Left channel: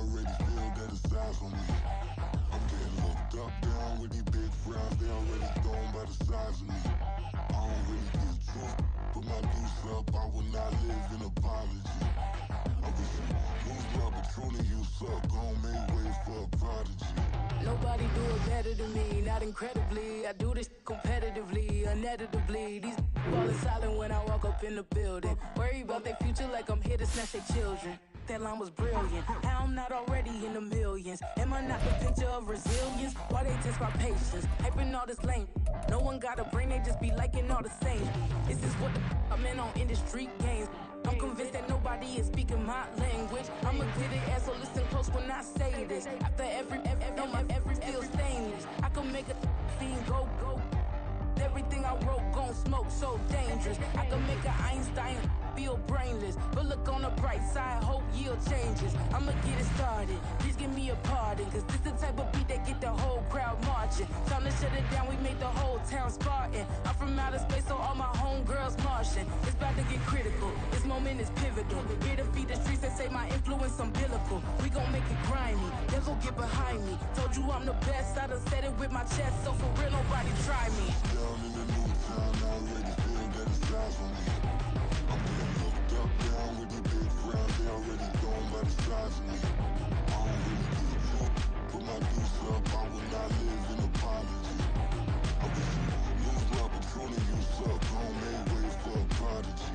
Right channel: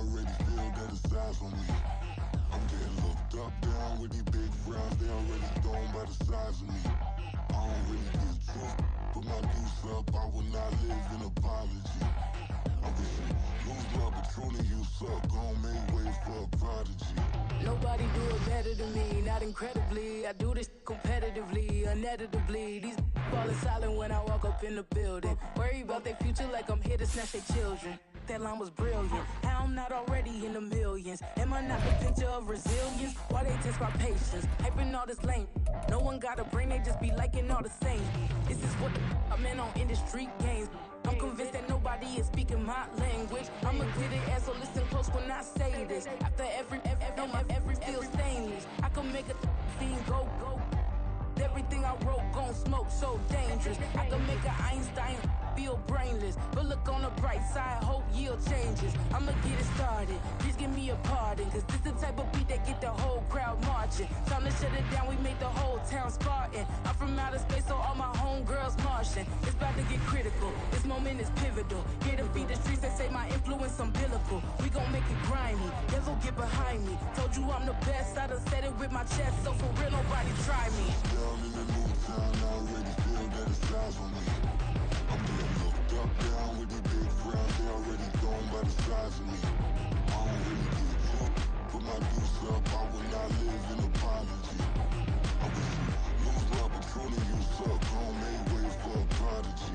already feel that it's eyes on me. I'm getting looked up, down with these big frowns. They already thrown by the size of me. I don't really give truth. Put my deuce up, I will not live in apology. I wish you lose my Patron, you suck. Gon' make way for a prodigy. Nobody do it better than me, not incredibly. I do this competitively, uneditably. These falling silent when I walk up in the building. Worry about their future like I'm here to snatch their children. That line was brilliant. How I'm not already in the millions? Am I not the picture of resilience? Why they test my patience? Hyping all this lame. No one got a brain, they just be liking all the same. This is what the I'm in on industry games. I'm convinced that nobody is speaking my language. I'm a good ass, so listen close when I say this. After every feel stainless. I can make a fiend go. Everything I wrote gon' smoke, so dangerous. I can make an Einstein feel brainless. But look on the bright side, hope yield changes. I'ma get it started, please give me a pardon. Cause this the type of beat that get the whole crowd marching. Time to shut it down, we made the whole town Spartan. I'm from outer space, so all my homegirls Martian. It's about to get critical, this moment is pivotal. Here to feed the streets, they say my influence umbilical. We gon' make it grimy, devil get behind me. Told you I'm the best, I done said it with my chest. So for real, nobody try me. Down in the new town, I already feel that it's eyes on me. I'm getting looked up, down with these big frowns. They already thrown by the size of me. I don't really give a fuck. Put my deuce up, I will not live in apology. I wish you lose my Patron, you suck. Gon' make way for a prodigy.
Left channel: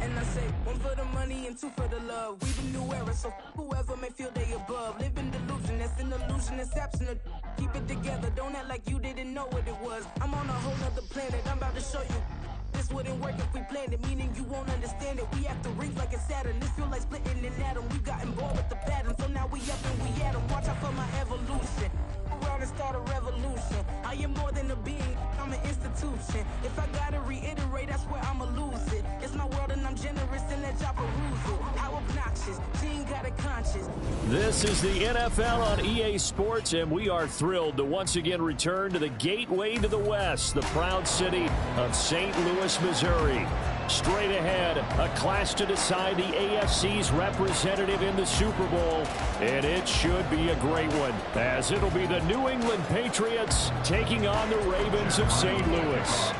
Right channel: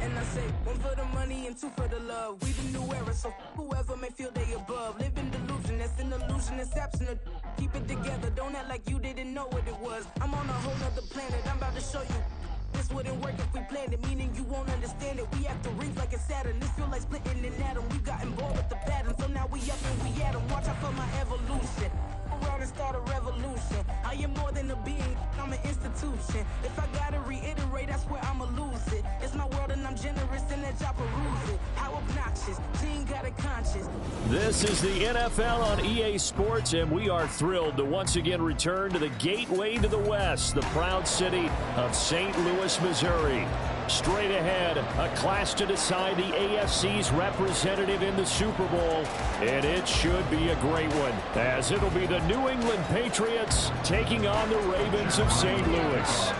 And I say, one for the money and two for the love. We the new era, so whoever may feel they above. Live in delusion, that's an illusion, it's absent. Keep it together, don't act like you didn't know what it was. I'm on a whole nother planet, I'm about to show you. This wouldn't work if we planned it, meaning you won't understand it. We have to rings like it's Saturn, this feel like splitting an atom. We gotten bored with the pattern, so now we up and we at 'em. Watch out for my evolution. Around and start a revolution. I am more than a being, I'm an institution. If I gotta reiterate, that's where I'ma lose it. It's my world and I'm generous and that y'all peruse it. How obnoxious, she ain't got a conscience. This is the NFL on EA Sports, and we are thrilled to once again return to the gateway to the West, the proud city of St. Louis, Missouri. Straight ahead, a clash to decide the AFC's representative in the Super Bowl, and it should be a great one, as it'll be the New England Patriots taking on the Ravens of St. Louis.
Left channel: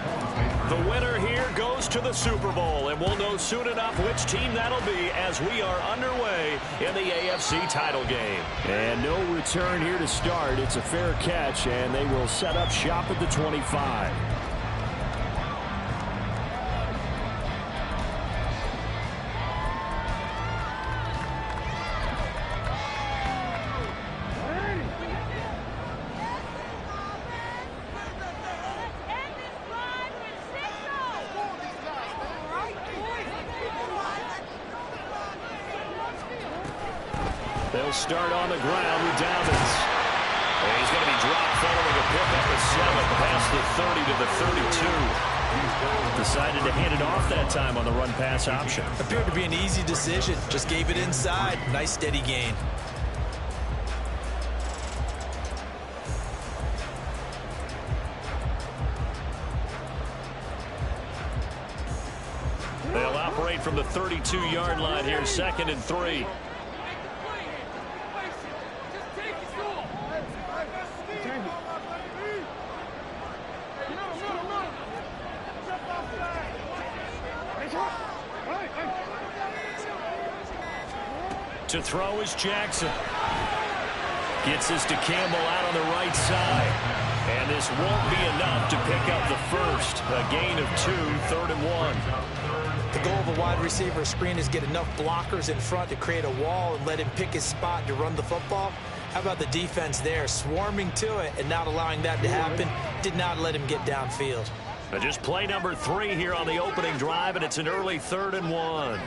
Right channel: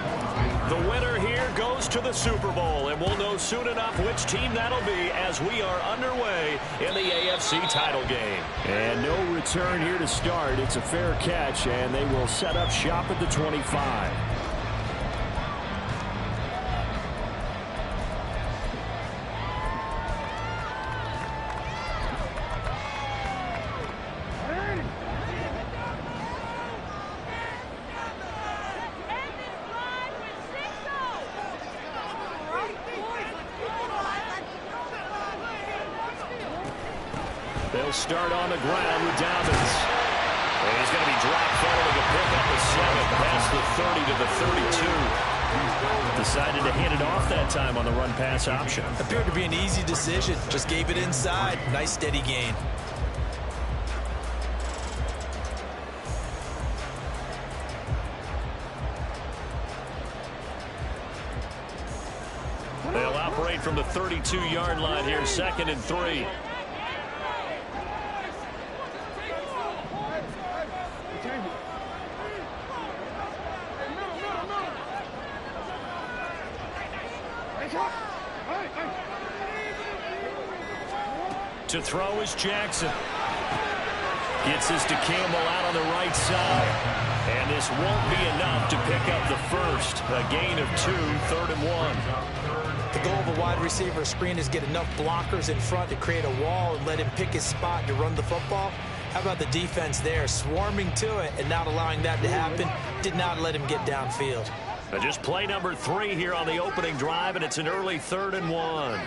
The winner here goes to the Super Bowl, and we'll know soon enough which team that'll be as we are underway in the AFC title game. And no return here to start. It's a fair catch, and they will set up shop at the 25. They'll start on the ground with Dobbins. And he's going to be dropped following a pickup of 7 past the 30 to the 32. Decided to hand it off that time on the run-pass option. Appeared to be an easy decision. Just gave it inside. Nice steady gain. They'll operate from the 32-yard line here, 2nd and 3. To throw is Jackson. Gets this to Campbell out on the right side. And this won't be enough to pick up the first. A gain of 2, 3rd and 1. The goal of a wide receiver screen is get enough blockers in front to create a wall and let him pick his spot to run the football. How about the defense there, swarming to it and not allowing that to happen? Did not let him get downfield. Just play number 3 here on the opening drive, and it's an early 3rd and 1.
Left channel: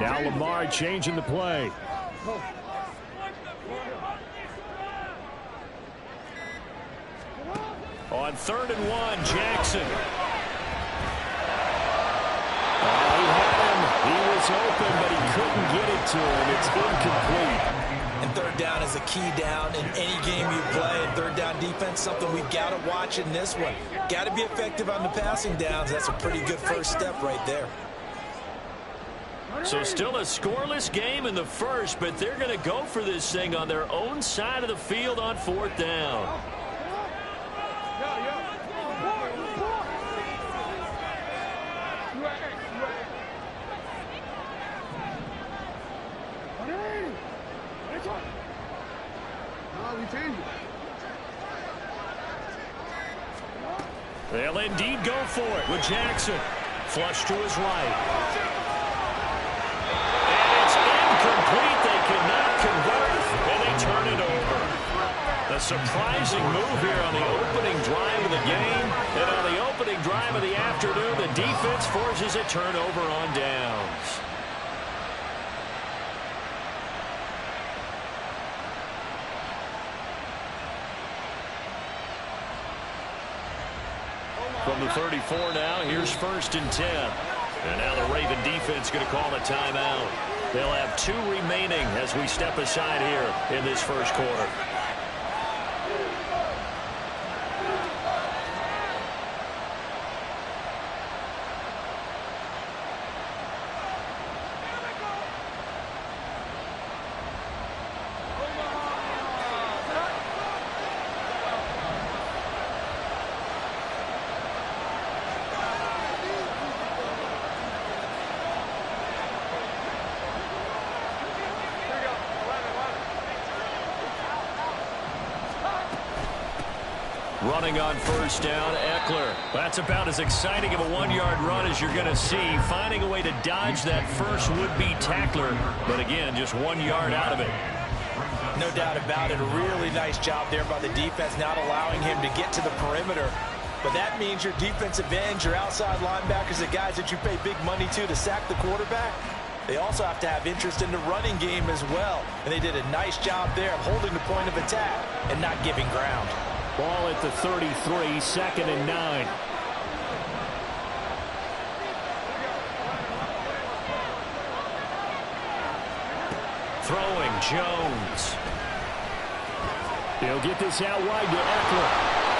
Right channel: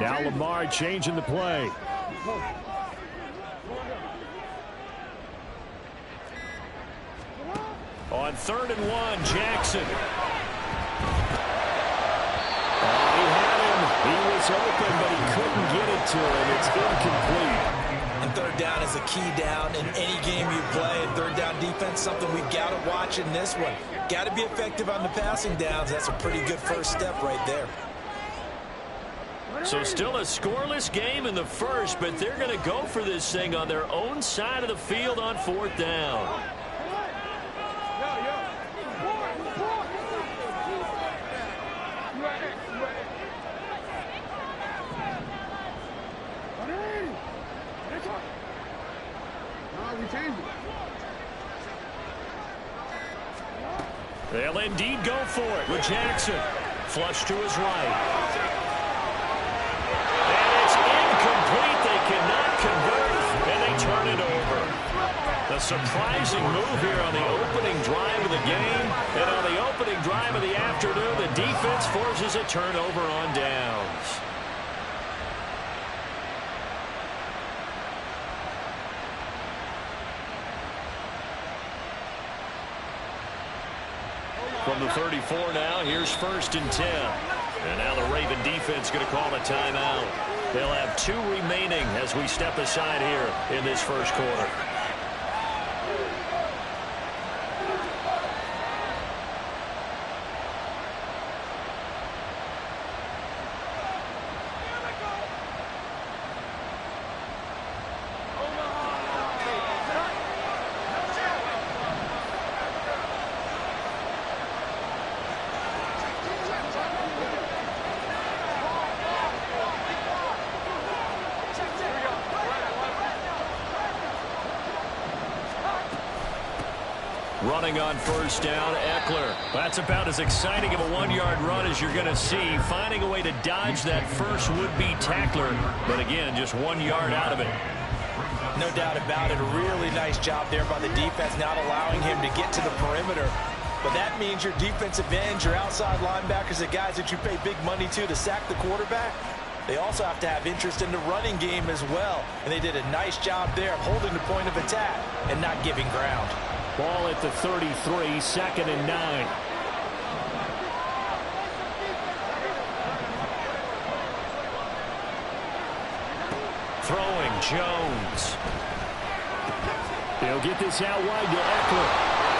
Now Lamar changing the play. On 3rd and 1, Jackson. Oh, he had him. He was open, but he couldn't get it to him. It's incomplete. And 3rd down is a key down in any game you play. And 3rd down defense, something we've got to watch in this one. Got to be effective on the passing downs. That's a pretty good first step right there. So still a scoreless game in the first, but they're going to go for this thing on their own side of the field on 4th down. They'll indeed go for it with Jackson. Flush to his right. And it's incomplete. They cannot convert, and they turn it over. A surprising move here on the opening drive of the game. And on the opening drive of the afternoon, the defense forces a turnover on downs. From the 34 now, here's 1st and 10. And now the Raven defense going to call a timeout. They'll have 2 remaining as we step aside here in this first quarter. Running on 1st down, Ekeler. That's about as exciting of a 1-yard run as you're going to see. Finding a way to dodge that first would-be tackler. But again, just 1 yard out of it. No doubt about it. A really nice job there by the defense, not allowing him to get to the perimeter. But that means your defensive ends, your outside linebackers, the guys that you pay big money to sack the quarterback, they also have to have interest in the running game as well. And they did a nice job there of holding the point of attack and not giving ground. Ball at the 33, 2nd and 9. Throwing, Jones. He'll get this out wide to Ekeler.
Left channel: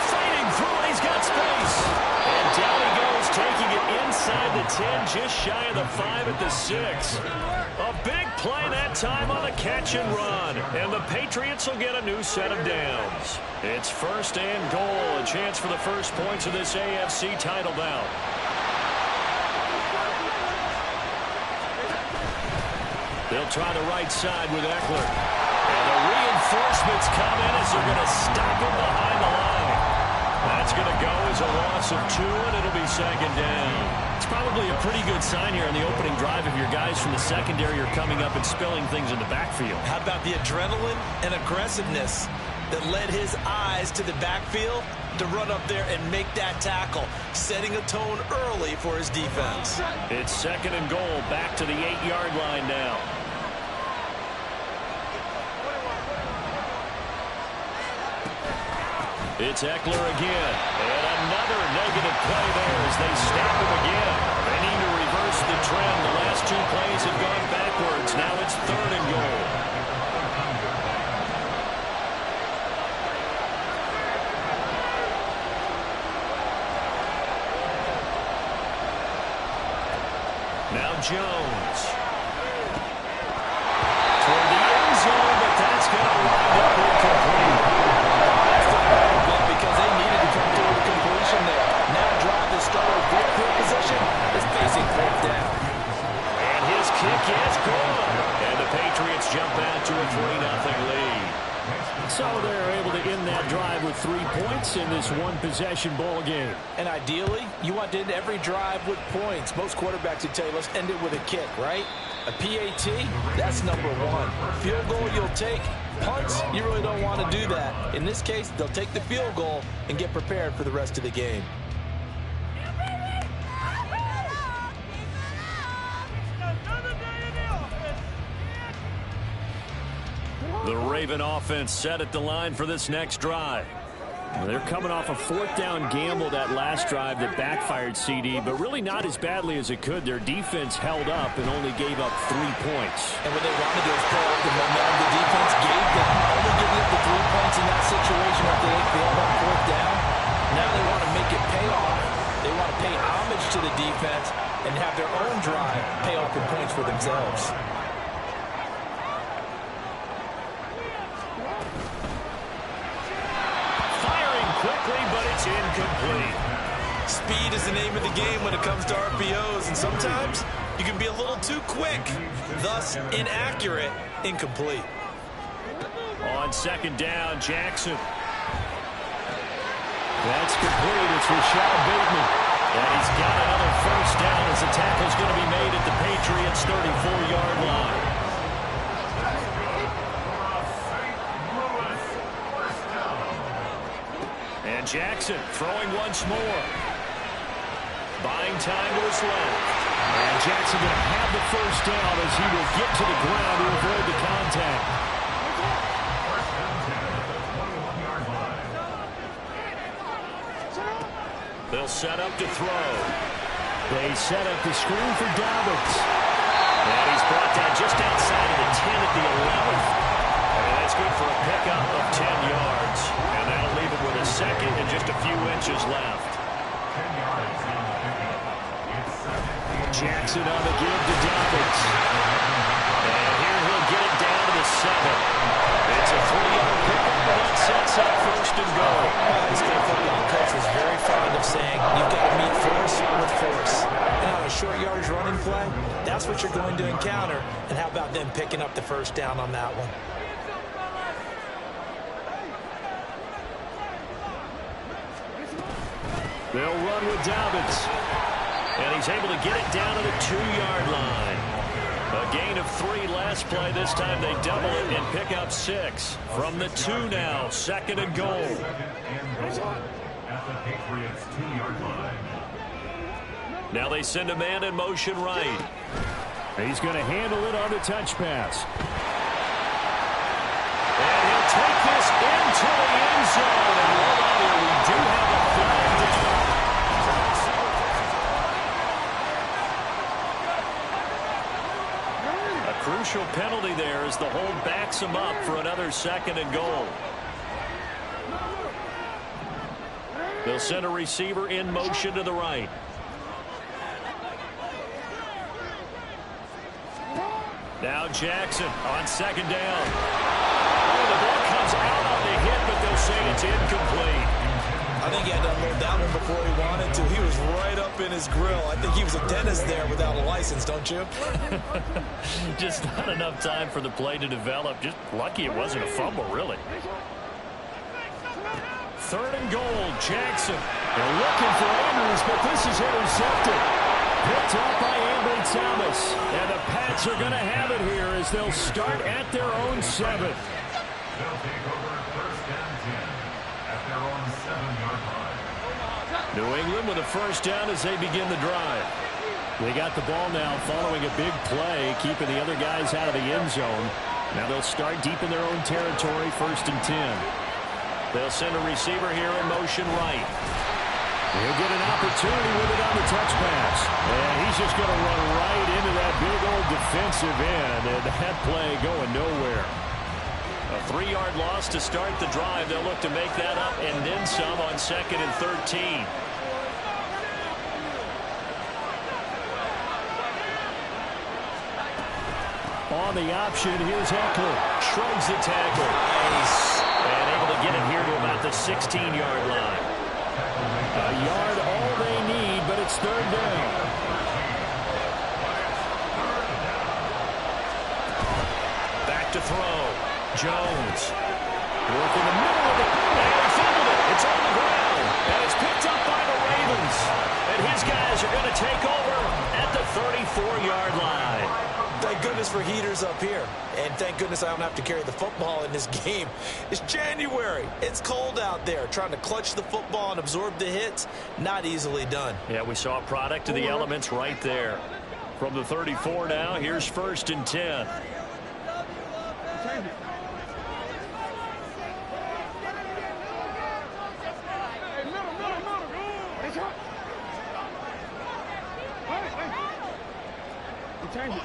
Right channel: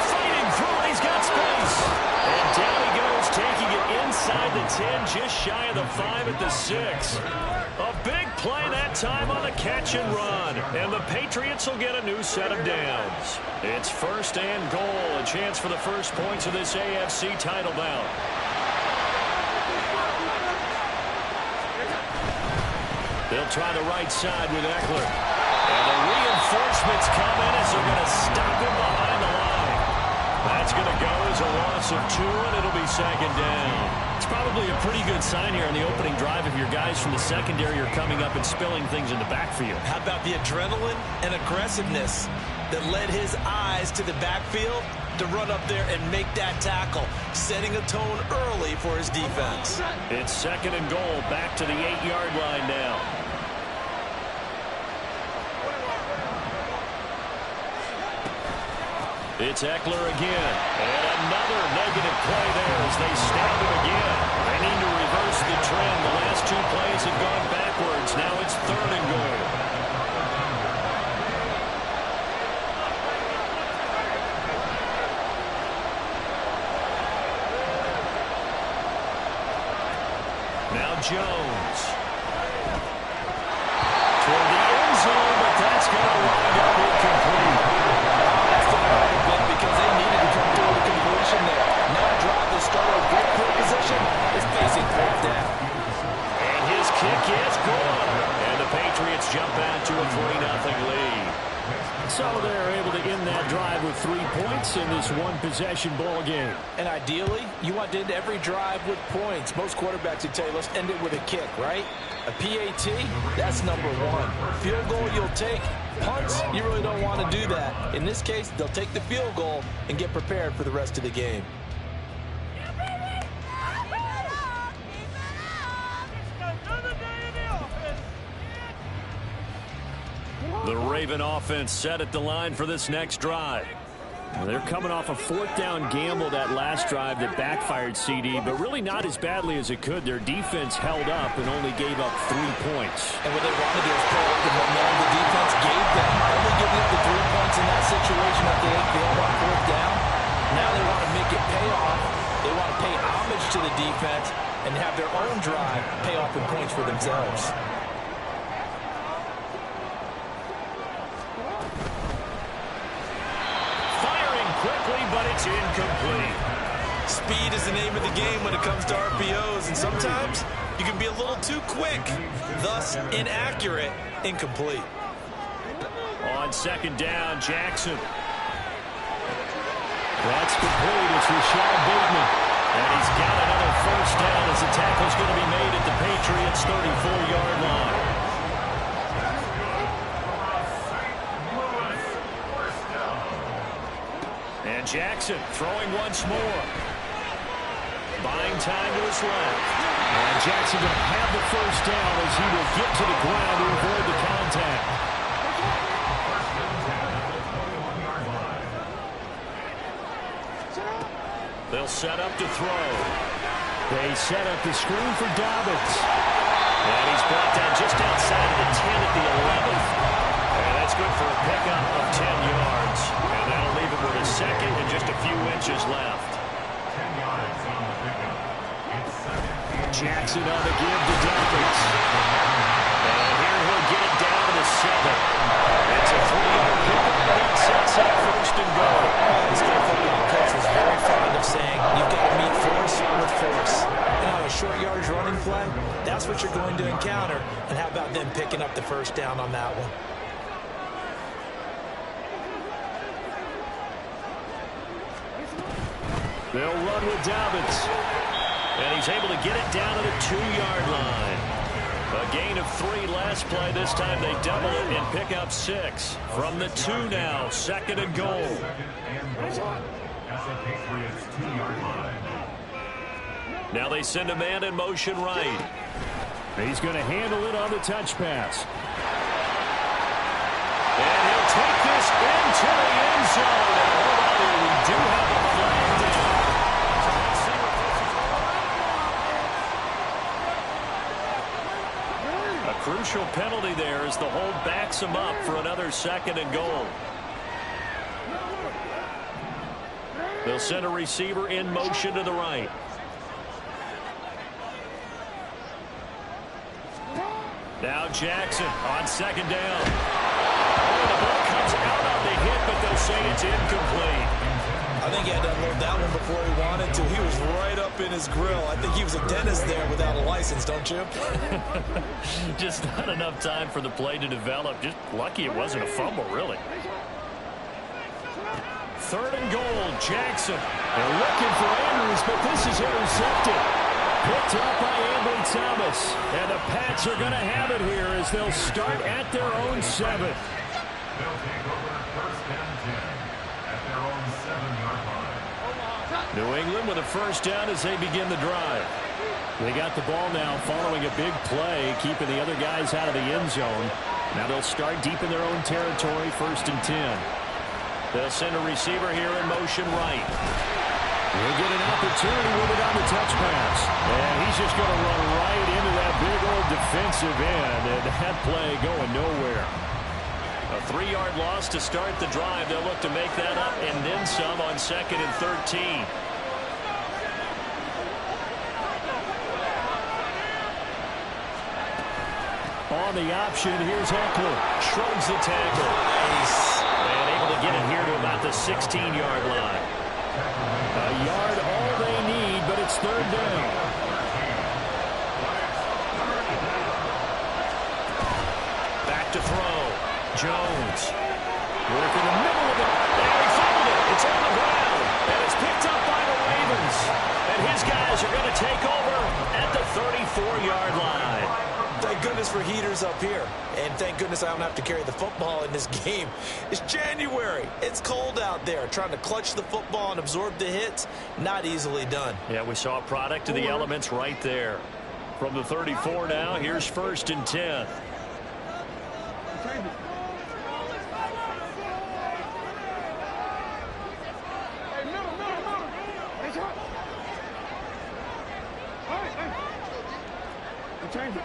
Fighting through it, he's got space. And down he goes, taking it inside the 10, just shy of the 5 at the 6. A big play that time on the catch and run. And the Patriots will get a new set of downs. It's 1st and goal, a chance for the first points of this AFC title bout. They'll try the right side with Ekeler. And the reinforcements come in as they're going to stop him behind the line. That's going to go as a loss of 2, and it'll be 2nd down. It's probably a pretty good sign here on the opening drive if your guys from the secondary are coming up and spilling things in the backfield. How about the adrenaline and aggressiveness that led his eyes to the backfield to run up there and make that tackle, setting a tone early for his defense. It's 2nd and goal, back to the 8-yard line now. It's Ekeler again, and another negative play there as they snap him again. They need to reverse the trend. The last 2 plays have gone backwards. Now it's 3rd and goal. Now Jones. Toward the end zone, but that's going to wind up incomplete. Because they needed to come through with a completion there. Now drive the starter good field position is facing 4th down. And his kick is good. And the Patriots jump out to a 3-0 lead. So they're able to end that drive with 3 points in this one-possession ball game. And ideally, you want to end every drive with points. Most quarterbacks would tell you, let's end it with a kick, right? A PAT, that's number 1. Field goal you'll take. Punts, you really don't want to do that. In this case, they'll take the field goal and get prepared for the rest of the game. The Raven offense set at the line for this next drive. They're coming off a 4th down gamble that last drive that backfired CD, but really not as badly as it could. Their defense held up and only gave up 3 points. And what they wanted to do is pull up the momentum the defense gave them. Only giving up the 3 points in that situation after they failed on 4th down. Now they want to make it pay off They want to pay homage to the defense and have their own drive pay off in points for themselves. Firing quickly, but it's incomplete. Speed is the name of the game when it comes to RPOs, and sometimes you can be a little too quick, thus inaccurate, incomplete. On second down, Jackson. That's complete. It's Rashad Bateman. And he's got another first down as the tackle's going to be made at the Patriots' 34-yard line. And Jackson throwing once more. Buying time to his left. And Jackson going to have the first down as he will get to the ground to avoid the contact. They'll set up to throw. They set up the screen for Dobbins. And he's brought down just outside of the 10 at the 11th. And that's good for a pickup of 10 yards. And that'll leave him with a second and just a few inches left. 10 yards on the pickup. Jackson on the give to Dobbins. And here he'll get it down to the 7. It's a 3-yard pickup, and that sets up first and goal. This good football coach is very fond of saying you've got to meet force with force. And on a short yardage running play, that's what you're going to encounter. And how about them picking up the first down on that one? They'll run with Dobbins. And he's able to get it down to the 2-yard line. A gain of 3 last play. This time they double it and pick up 6. From the 2 now, second and goal. At the Patriots' 2-yard line. Now they send a man in motion right. He's going to handle it on the touch pass. And he'll take this into the end zone. Now hold on here. We do have a flag down. So let's see what this is. A crucial penalty there as the hold backs him up for another second and goal. They'll send a receiver in motion to the right. Now Jackson on second down. Oh, the ball comes out on the hit, but they'll say it's incomplete. I think he had to unload that one before he wanted to. He was right up in his grill. I think he was a dentist there without a license, don't you? Just not enough time for the play to develop. Just lucky it wasn't a fumble, really. Third and goal, Jackson. They're looking for Andrews, but this is intercepted. Picked up by Ambry Thomas. And the Pats are going to have it here as they'll start at their own 7. They'll take over first and 10 at their own 7-yard line. New England with a first down as they begin the drive. They got the ball now following a big play, keeping the other guys out of the end zone. Now they'll start deep in their own territory, first and 10. They'll send a receiver here in motion right. He'll get an opportunity with it on the touch pass. And he's just going to run right into that big old defensive end. And that play going nowhere. A 3-yard loss to start the drive. They'll look to make that up and then some on second and 13. On the option, here's Eckler. Shrugs the tackle. Nice. And able to get it here to about the 16-yard line. A yard all they need, but it's third down. Back to throw. Jones. Work in the middle of it. And he fumbled it. It's on the ground. And it's picked up by the Ravens. And his guys are going to take over at the 34-yard line. Thank goodness for heaters up here. And thank goodness I don't have to carry the football in this game. It's January. It's cold out there. Trying to clutch the football and absorb the hits, not easily done. Yeah, we saw a product of the elements right there. From the 34 now, here's first and 10. Change it.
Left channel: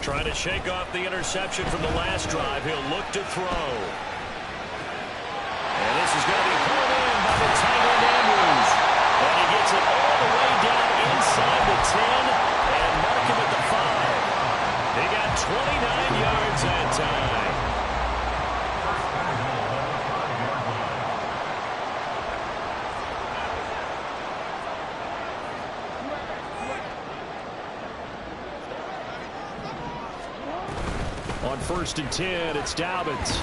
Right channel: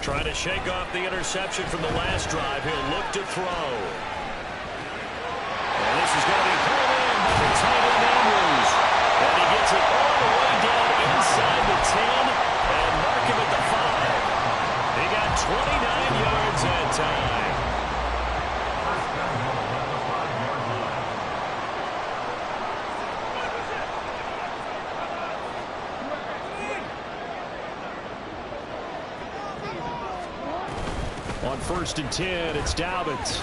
Trying to shake off the interception from the last drive. He'll look to throw. pass is going to be pulled in by the tight end Andrews. And he gets it all the way down inside the 10 and mark him at the 5. He got 29 yards that time. First down goal at the 5-yard line. On 1st and 10, it's Dobbins.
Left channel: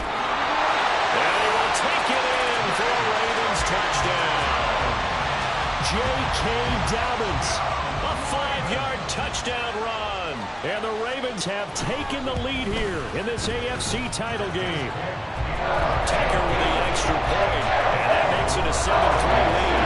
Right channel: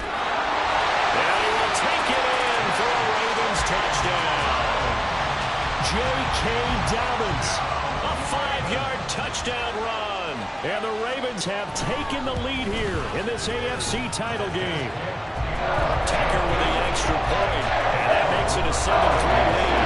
And he will take it in for a Ravens touchdown. J.K. Dobbins, a 5-yard touchdown run. And the Ravens have taken the lead here in this AFC title game. Tucker with the extra point, and that makes it a 7-3 lead.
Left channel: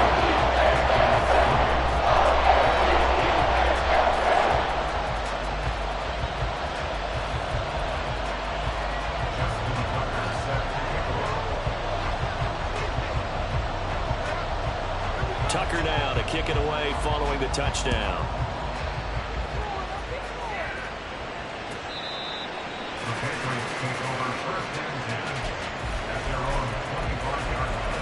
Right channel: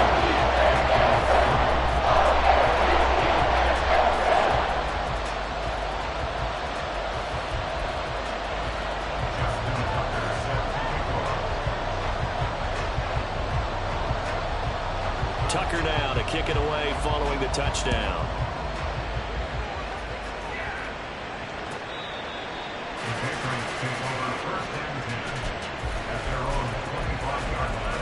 Tucker now to kick it away following the touchdown. The Patriots take over 1st and 10 at their own 25-yard line.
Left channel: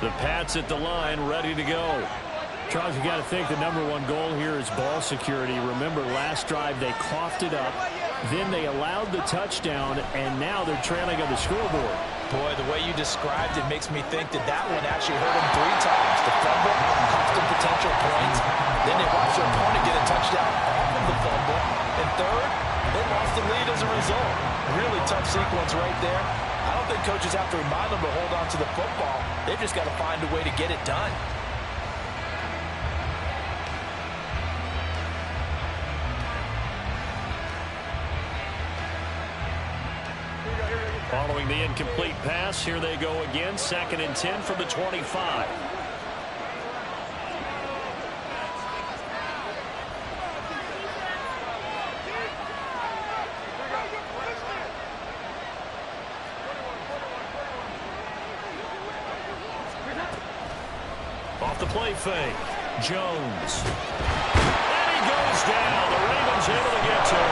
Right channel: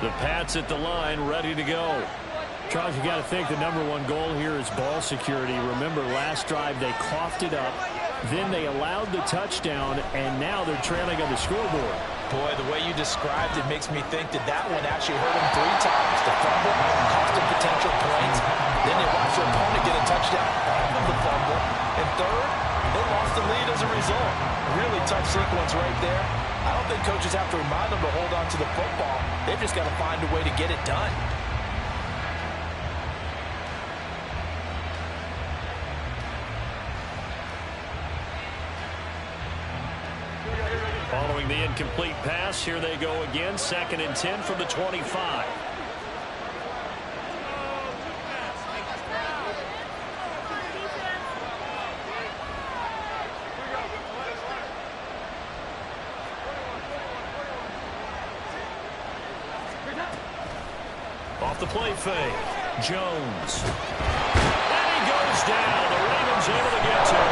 The Pats at the line, ready to go. Charles, you got to think the #1 goal here is ball security. Remember, last drive they coughed it up, then they allowed the touchdown, and now they're trailing on the scoreboard. Boy, the way you described it makes me think that one actually hurt them 3 times. The fumble cost them potential points. Then they watched their opponent get a touchdown off of the fumble. And third, they lost the lead as a result. Really tough sequence right there. I don't think coaches have to remind them to hold on to the football. They've just got to find a way to get it done. Following the incomplete pass, here they go again. 2nd and 10 from the 25. Off the play fake. Jones. And he goes down. The Ravens able to get to him.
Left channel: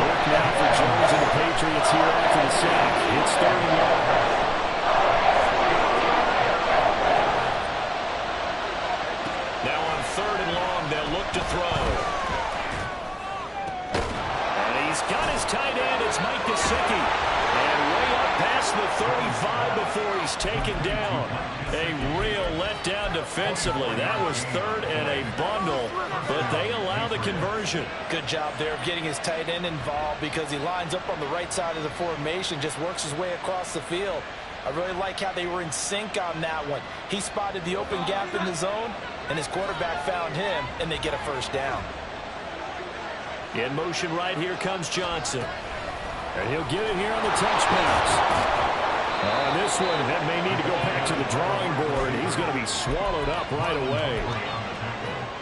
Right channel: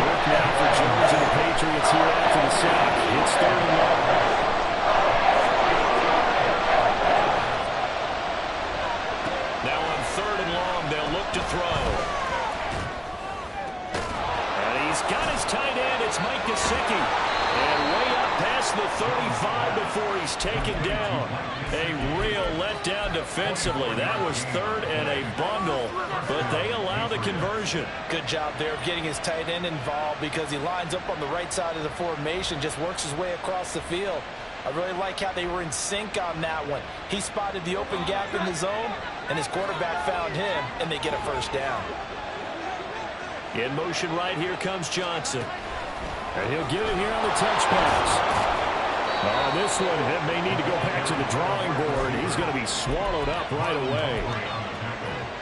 Work now for Jones and the Patriots here after the sack. It's 3rd and long. Now on 3rd and long, they'll look to throw. And he's got his tight end. It's Mike Gesicki. And way up past the 35 before he's taken down. A real letdown defensively. That was 3rd and a bundle, but they allow the conversion. Good job there of getting his tight end involved because he lines up on the right side of the formation, just works his way across the field. I really like how they were in sync on that one. He spotted the open gap in the zone, and his quarterback found him, and they get a 1st down. In motion right here comes Johnson. And he'll get it here on the touch pass. On this one, that may need to go back to the drawing board. He's going to be swallowed up right away.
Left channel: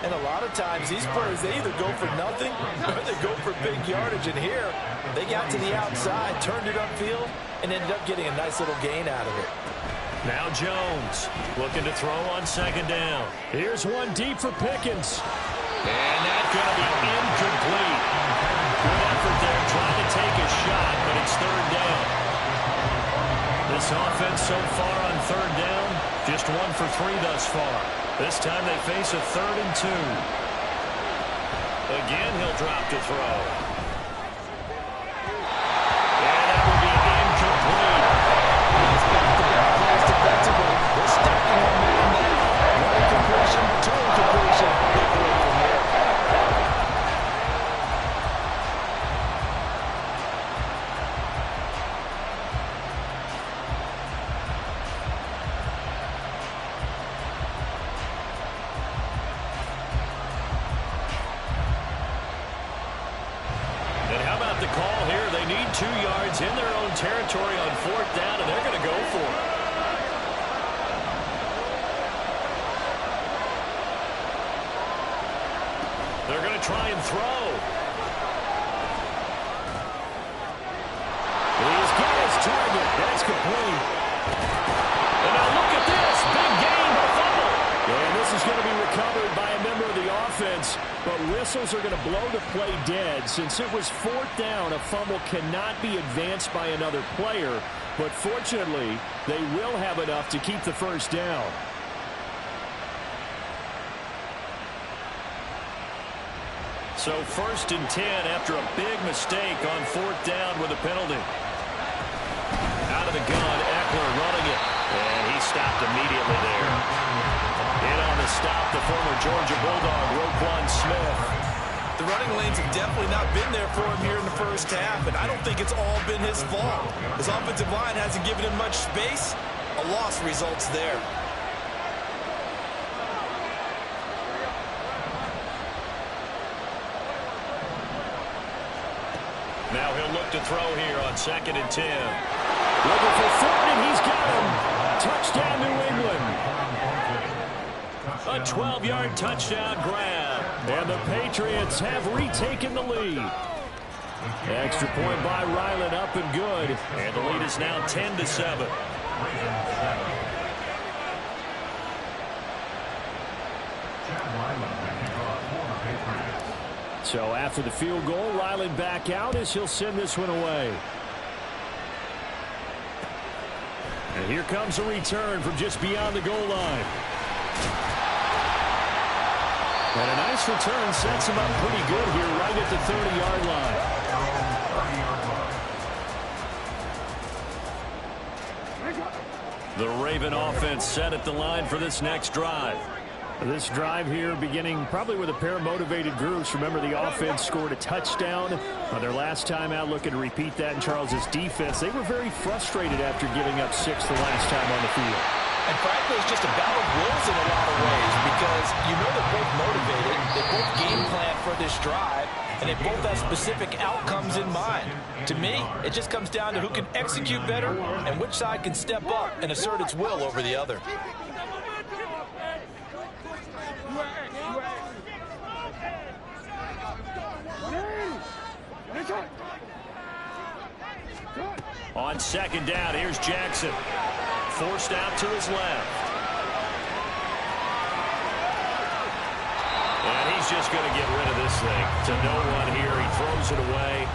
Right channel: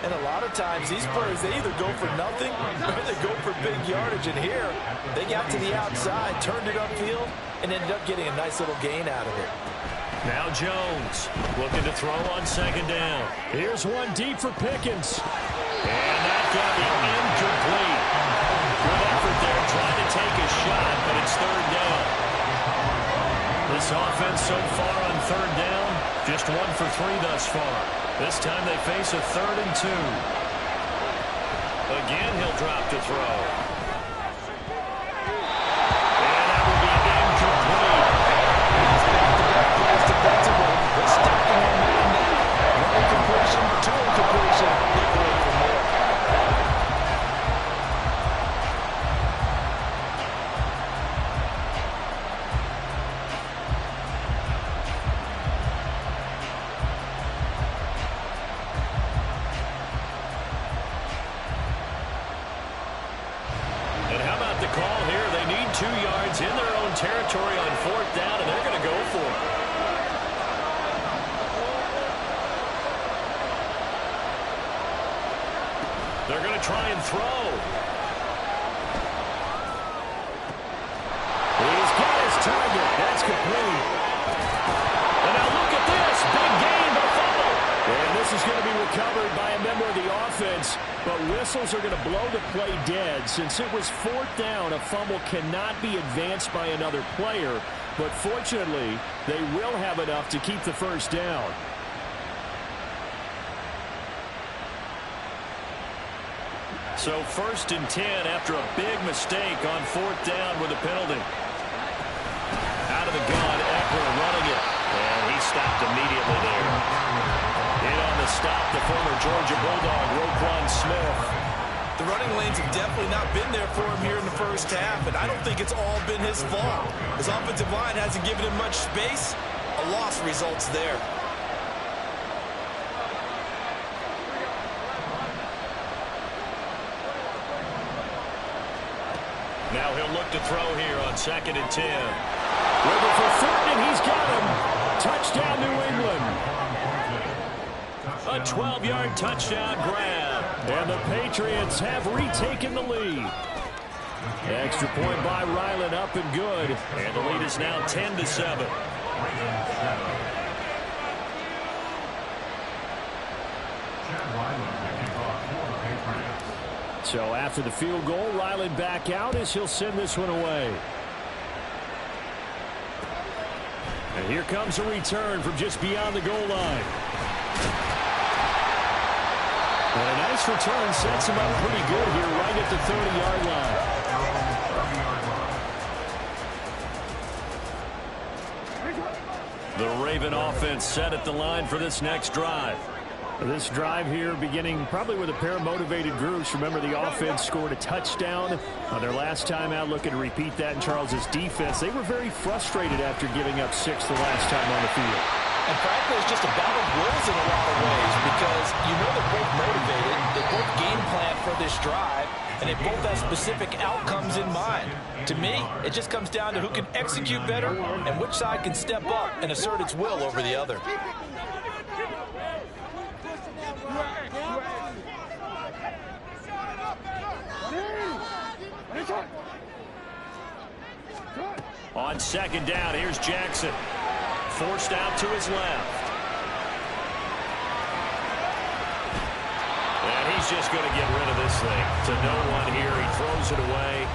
And a lot of times, these players, they either go for nothing or they go for big yardage. And here, they got to the outside, turned it upfield, and ended up getting a nice little gain out of it. Now Jones looking to throw on 2nd down. Here's one deep for Pickens. And that's going to be incomplete. Good effort there trying to take a shot, but it's 3rd down. This offense so far on 3rd down, just 1 for 3 thus far. This time they face a 3rd and 2. Again, he'll drop to throw. And that will be incomplete. He's back-to-back plays defensively. They're stacking on man now. 1 incompletion, 2 incompletion. They go from there. The call here, they need 2 yards in their own territory on 4th down, and they're going to go for it. They're going to try and throw. target. That's complete. And now look at this. Big gain, but a fumble. And this is going to be recovered by a member of the offense. But whistles are going to blow the play dead. Since it was 4th down, a fumble cannot be advanced by another player. But fortunately, they will have enough to keep the first down. So 1st and 10 after a big mistake on 4th down with a penalty. Out of the gun, Eckler running it. And he stopped immediately there. In on the stop, the former Georgia Bulldog, Roquan Smith. The running lanes have definitely not been there for him here in the first half, and I don't think it's all been his fault. His offensive line hasn't given him much space. A loss results there. Now he'll look to throw here on 2nd and 10. Looking for Thornton, and he's got him. Touchdown, New England. A 12-yard touchdown grab. And the Patriots have retaken the lead. Extra point by Ryland, up and good. And the lead is now 10-7. So after the field goal, Ryland back out as he'll send this one away. And here comes a return from just beyond the goal line. And a nice return sets him up pretty good here right at the 30-yard line. The Raven offense set at the line for this next drive. This drive here beginning probably with a pair of motivated groups. Remember, the offense scored a touchdown on their last time out, looking to repeat that in Charles's defense. They were very frustrated after giving up 6 the last time on the field. And frankly, it's just a battle of wills in a lot of ways because you know they're both motivated. They both game plan for this drive, and they both have specific outcomes in mind. To me, it just comes down to who can execute better and which side can step up and assert its will over the other. On 2nd down, here's Jackson. Forced out to his left. And he's just going to get rid of this thing to no one here. He throws it away,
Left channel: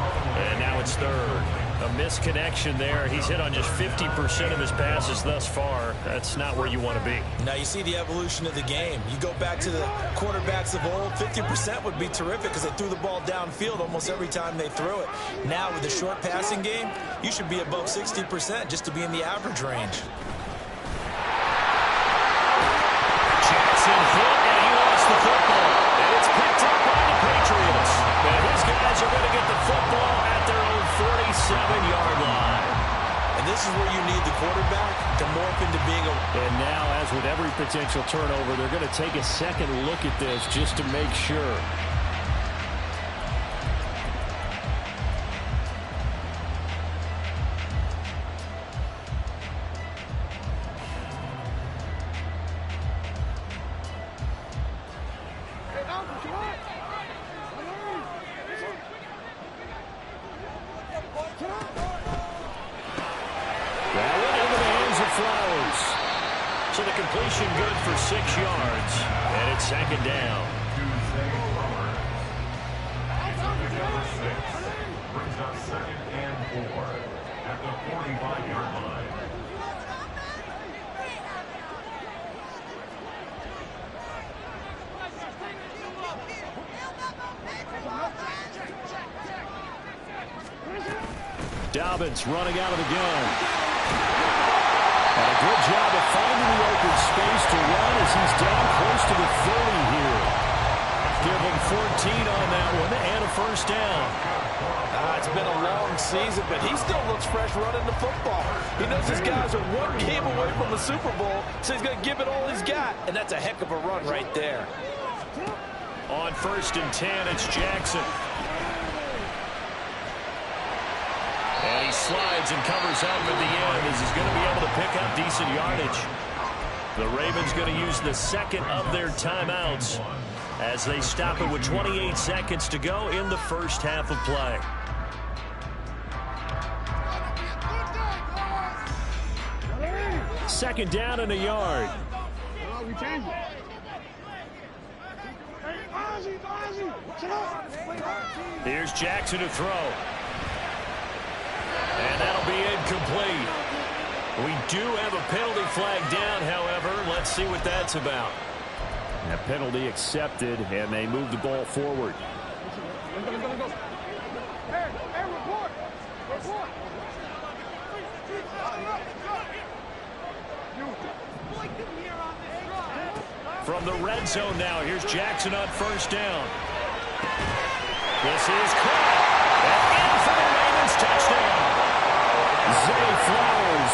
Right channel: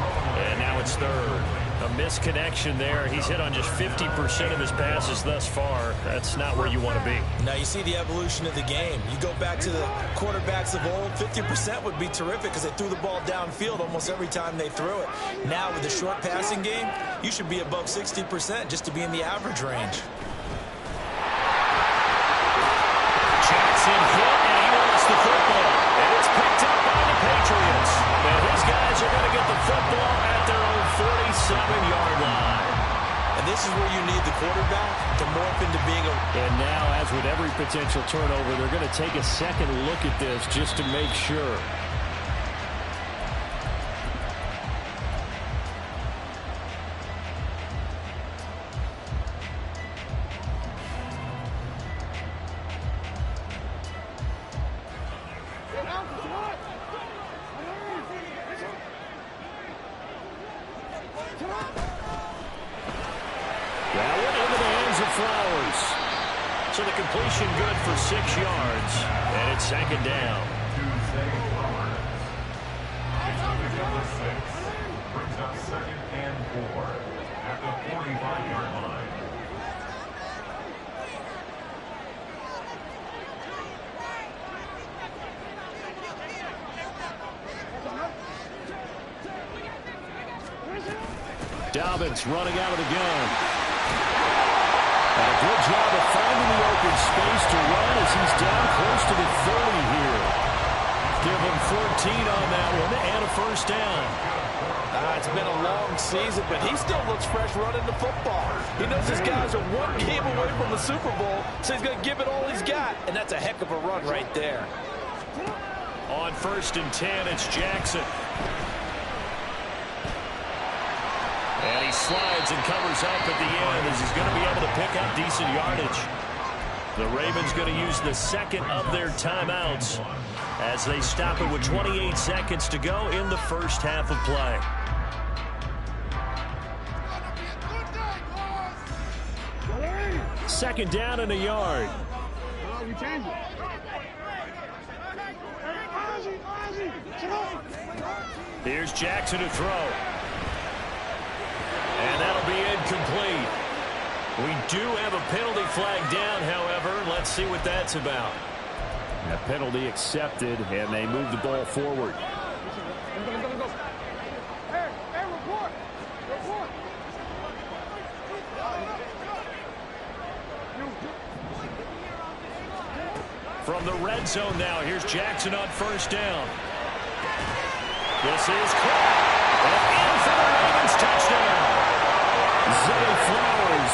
and now it's 3rd. A misconnection there. He's hit on just 50% of his passes thus far. That's not where you want to be. Now you see the evolution of the game. You go back to the quarterbacks of old, 50% would be terrific because they threw the ball downfield almost every time they threw it. Now with the short passing game, you should be above 60% just to be in the average range. Jackson hit, and he lost the football. And it's picked up by the Patriots. And his guys are going to get the football at their own 47-yard line. And this is where you need the quarterback to morph into being a... And now, as with every potential turnover, they're going to take a second look at this just to make sure. That went into the hands of Flowers. So the completion good for 6 yards. And it's 2nd down. Brings up 2nd and 4 at the 45-yard line. Dobbins running out of the gun. And a good job of finding the open space to run as he's down close to the 30 here. Give him 14 on that one and a first down. It's been a long season, but he still looks fresh running the football. He knows his guys are one game away from the Super Bowl, so he's going to give it all he's got, and that's a heck of a run right there. On 1st and 10, it's Jackson. And he slides and covers up at the end as he's going to be able to pick up decent yardage. The Ravens going to use the 2nd of their timeouts as they stop it with 28 seconds to go in the first half of play. second down and a yard. We change it. Here's Jackson to throw. And that'll be incomplete. We do have a penalty flag down, however. Let's see what that's about. A penalty accepted, and they move the ball forward. Let's go. Hey, report. From the red zone now, here's Jackson on first down. This is caught. And in for the Ravens touchdown. Zay Flowers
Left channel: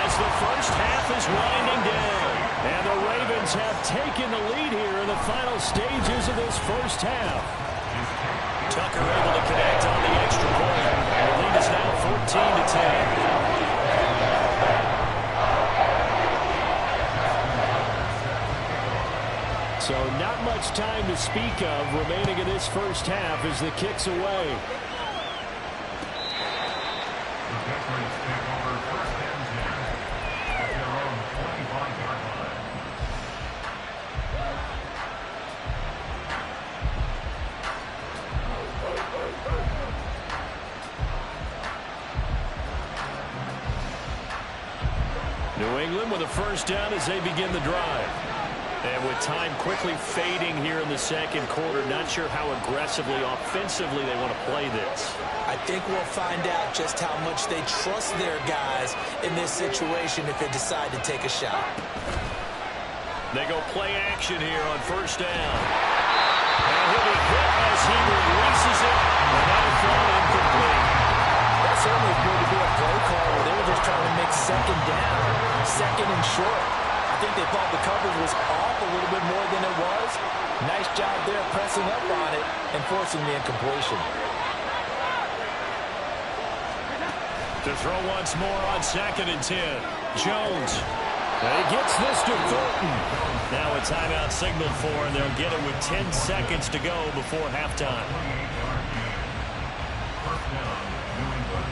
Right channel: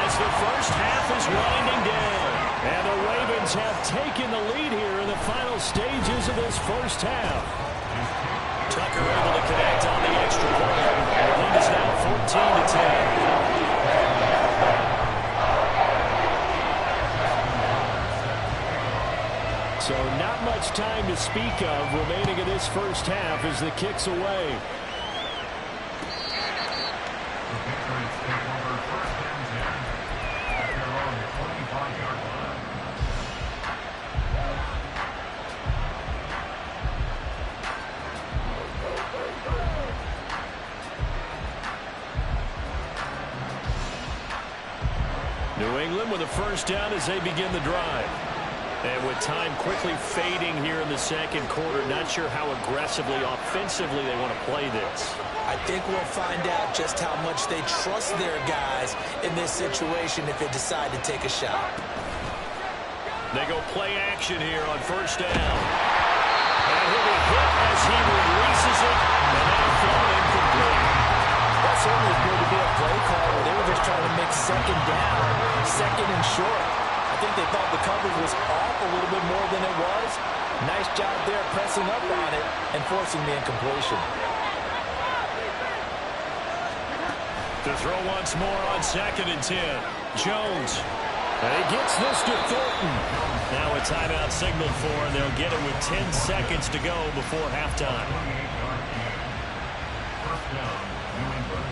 as the first half is winding down. And the Ravens have taken the lead here in the final stages of this first half. Tucker able to connect on the extra point. The lead is now 14-10. So not much time to speak of remaining in this first half as the kick's away. The Patriots take over first and 10 at their own 25-yard line. New England with a first down as they begin the drive. And with time quickly fading here in the second quarter, not sure how aggressively, offensively they want to play this. I think we'll find out just how much they trust their guys in this situation if they decide to take a shot. They go play action here on first down. And he'll be hit as he releases it, and that'll fall incomplete. That certainly appeared to be a play call where they were just trying to make second down, second and short. I think they thought the coverage was off a little bit more than it was. Nice job there pressing up on it and forcing the incompletion. To throw once more on second and 10. Jones. And he gets this to Thornton. Now a timeout signaled for, and they'll get it with 10 seconds to go before halftime. 28-yard gain. First down, New England.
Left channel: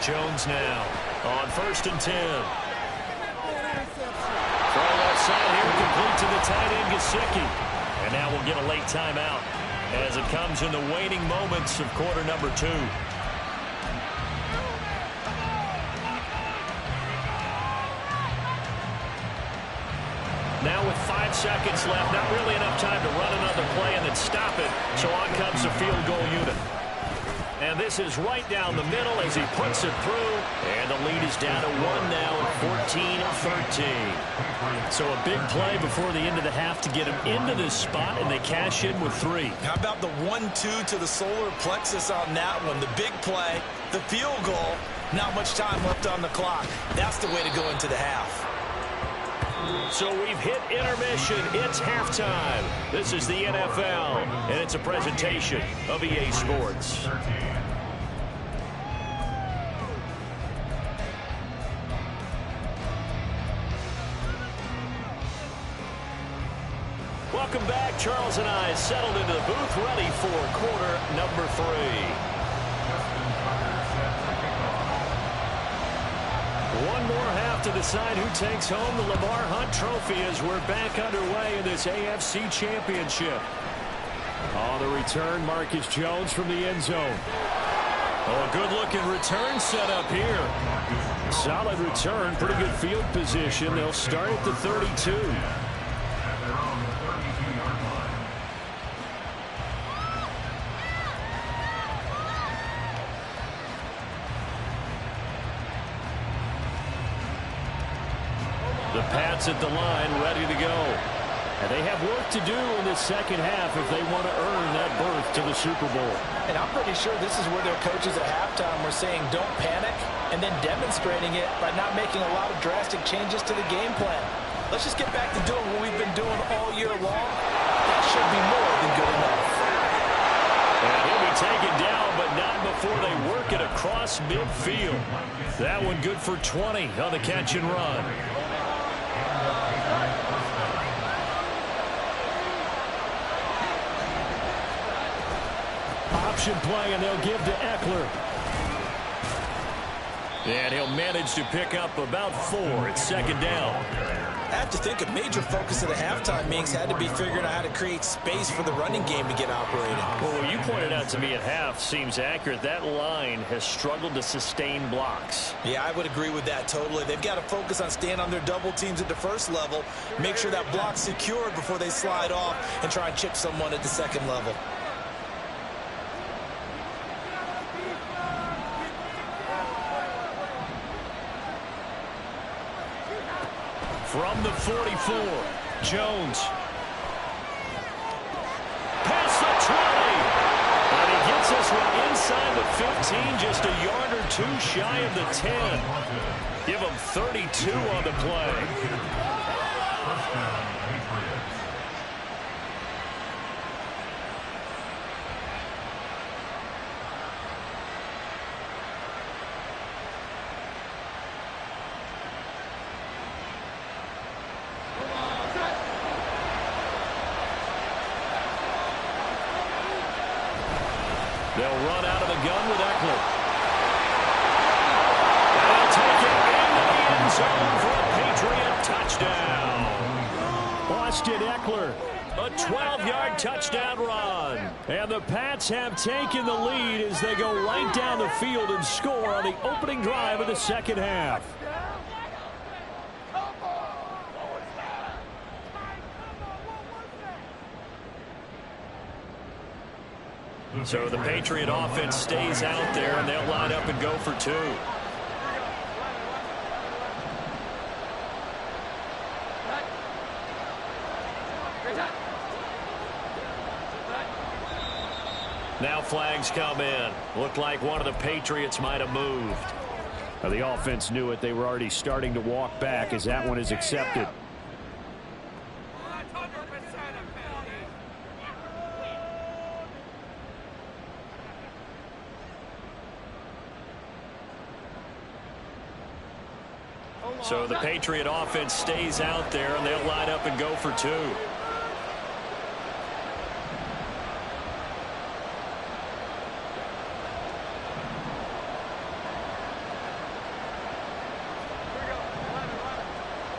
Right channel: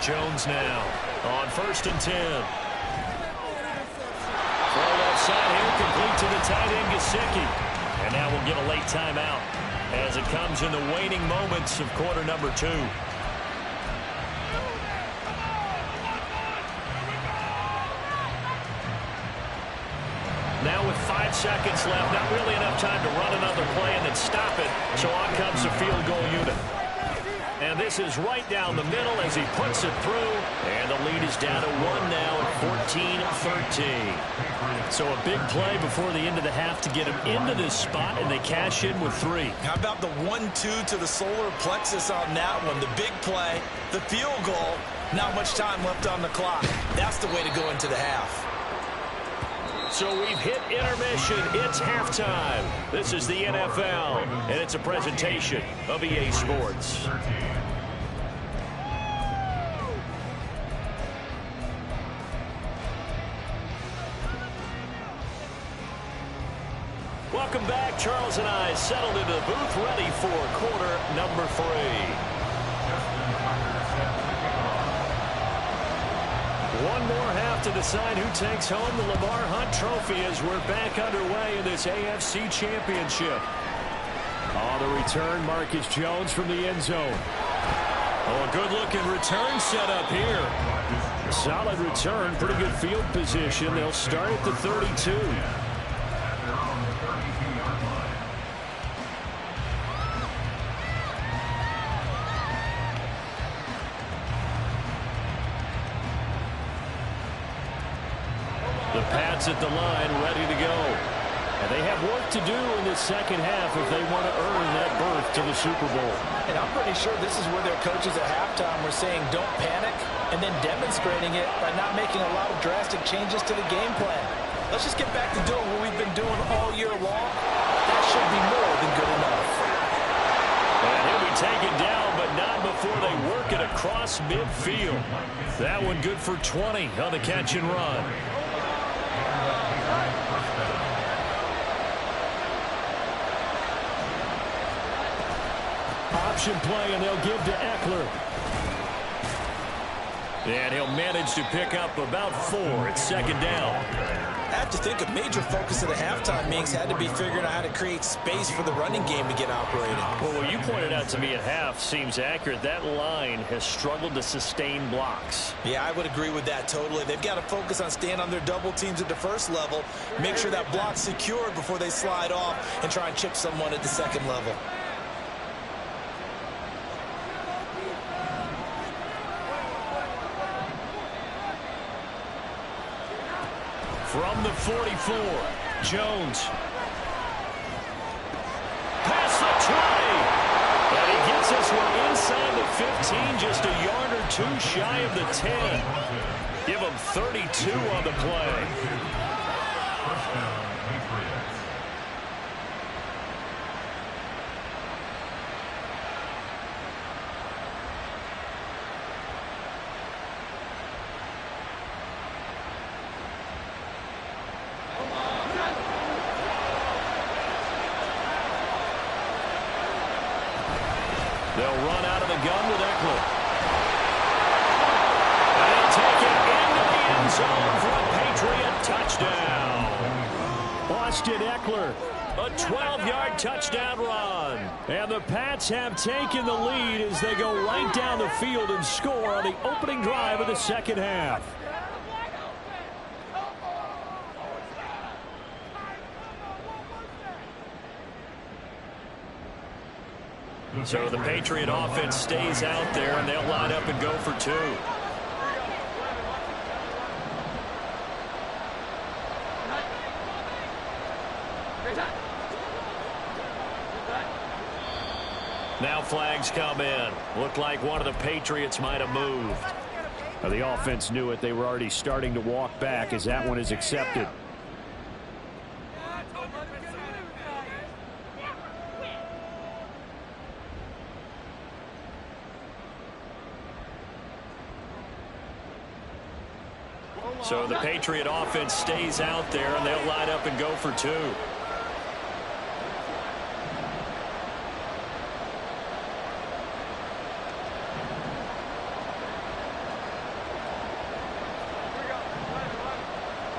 Jones now on first and 10. Throw left side here, complete to the tight end, Gesicki. And now we'll get a late timeout as it comes in the waning moments of quarter number 2. Now with 5 seconds left, not really enough time to run another play and then stop it. So on comes the field goal unit. And this is right down the middle as he puts it through. And the lead is down to 1 now at 14-13. So a big play before the end of the half to get him into this spot, and they cash in with 3. How about the 1-2 to the solar plexus on that one? The big play, the field goal, not much time left on the clock. That's the way to go into the half. So we've hit intermission. It's halftime. This is the NFL, and it's a presentation of EA Sports. Welcome back. Charles and I settled into the booth, ready for quarter number 3. Justin Tucker set to kick off. One more half to decide who takes home the Lamar Hunt Trophy as we're back underway in this AFC Championship. On the return, Marcus Jones from the end zone. Oh, a good-looking return set up here. Solid return, pretty good field position. They'll start at the 32. At their own 32-yard line. The Pats at the line, ready to go. And they have work to do in this second half if they want to earn that berth to the Super Bowl. And I'm pretty sure this is where their coaches at halftime were saying don't panic, and then demonstrating it by not making a lot of drastic changes to the game plan. Let's just get back to doing what we've been doing all year long. That should be more than good enough. And he'll be taken down, but not before they work it across midfield. That one good for 20 on the catch and run. option play, and they'll give to Eckler. And he'll manage to pick up about 4 at second down. I have to think a major focus of the halftime meetings had to be figuring out how to create space for the running game to get operating. Well, what you pointed out to me at half seems accurate. That line has struggled to sustain blocks. Yeah, I would agree with that totally. They've got to focus on staying on their double teams at the first level, make sure that block's secured before they slide off and try and chip someone at the second level. From the 44, Jones. Past the 20. And he gets this one inside the 15, just a yard or 2 shy of the 10. Give him 32 on the play. First down, Patriots. They'll run out of the gun with Eckler. And he'll take it into the end zone for a Patriot touchdown. Austin Eckler, a 12-yard touchdown run. And the Pats have taken the lead as they go right down the field and score on the opening drive of the second half. So the Patriot offense stays out there, and they'll line up and go for 2. Now flags come in. Looked like one of the Patriots might have moved. Now the offense knew it. They were already starting to walk back as that one is accepted. So the Patriot offense stays out there, and they'll line up and go for 2.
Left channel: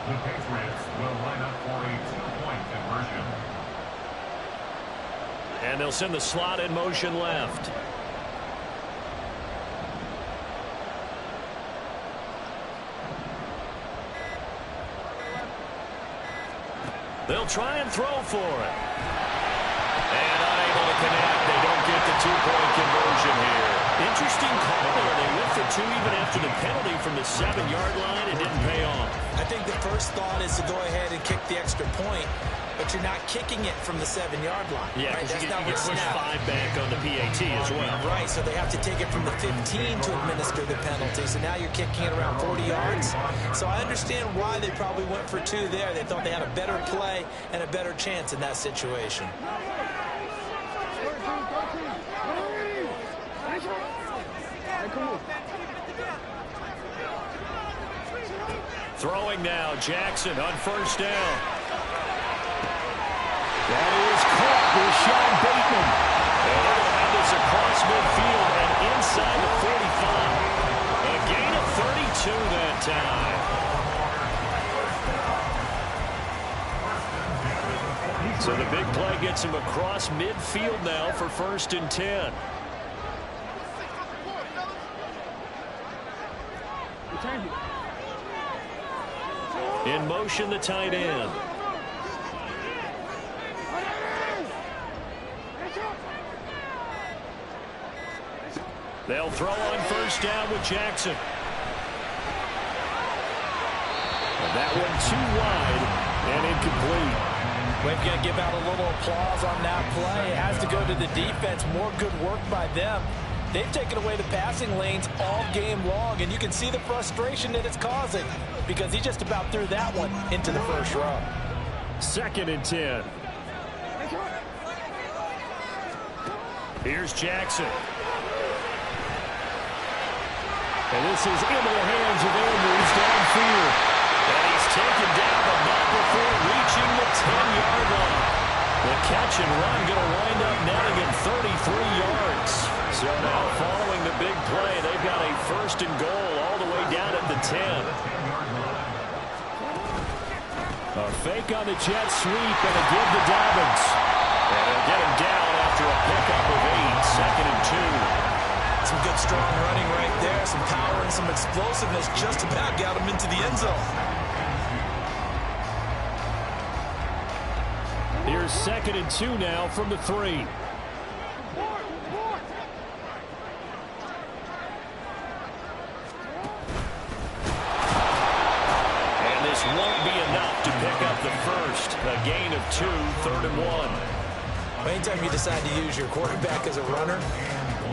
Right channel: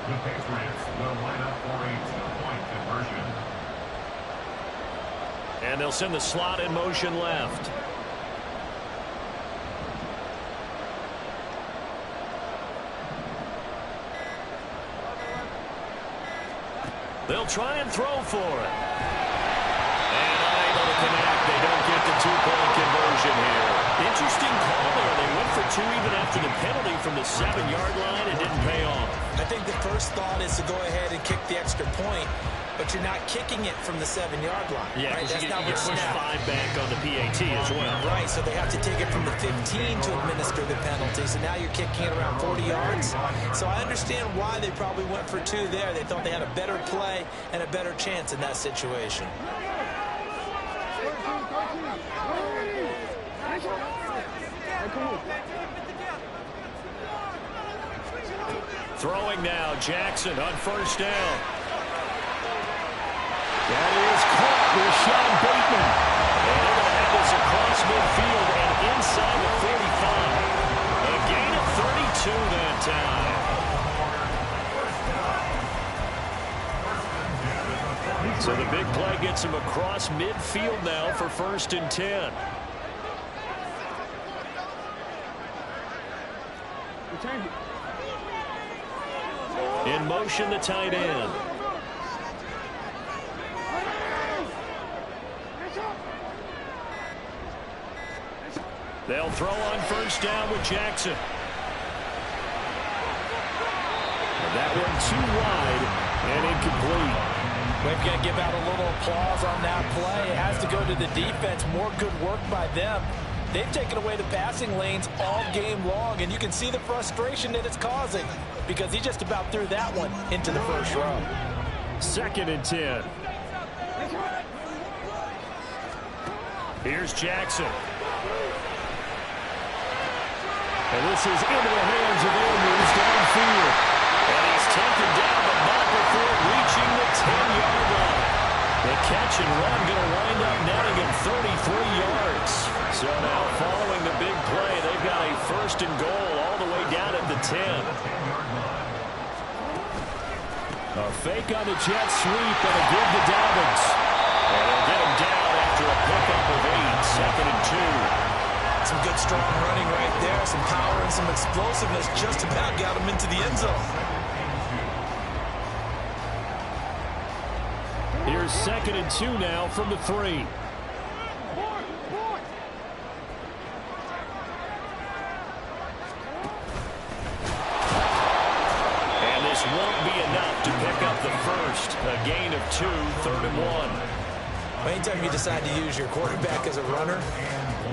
The Patriots will line up for a 2-point conversion. And they'll send the slot in motion left. They'll try and throw for it. And unable to connect. They don't get the 2-point conversion here. Interesting call there. They went for 2 even after the penalty from the 7-yard line. It didn't pay off. I think the first thought is to go ahead and kick the extra point, but you're not kicking it from the 7-yard line. Yeah, right? because That's not you what's push snapped. 5 back on the PAT as well. Right, so they have to take it from the 15 to administer the penalty. So now you're kicking it around 40 yards. So I understand why they probably went for 2 there. They thought they had a better play and a better chance in that situation. Throwing now, Jackson on first down. That is caught with Sean Bateman. And they're going to have this across midfield and inside the 45. A gain of 32 that time. So the big play gets him across midfield now for 1st and 10. In motion, the tight end. They'll throw on first down with Jackson. And that one too wide and incomplete. We've got to give out a little applause on that play. It has to go to the defense. More good work by them. They've taken away the passing lanes all game long, and you can see the frustration that it's causing because he just about threw that one into the first row. 2nd and 10. Here's Jackson. And this is into the hands of Andrews downfield. And he's taken down, but not before reaching the 10-yard line. The catch and run going to wind up netting him 33 yards. So now following the big play, they've got a 1st and goal all the way down at the 10. A fake on the jet sweep and a give to Dobbins. And they'll get him down after a pickup of 8, 2nd and 2. Some good strong running right there, some power and some explosiveness, just about got him into the end zone. Here's 2nd and 2 now from the 3. And this won't be enough to pick up the first. A gain of 2, 3rd and 1. Anytime you decide to use your quarterback as a runner,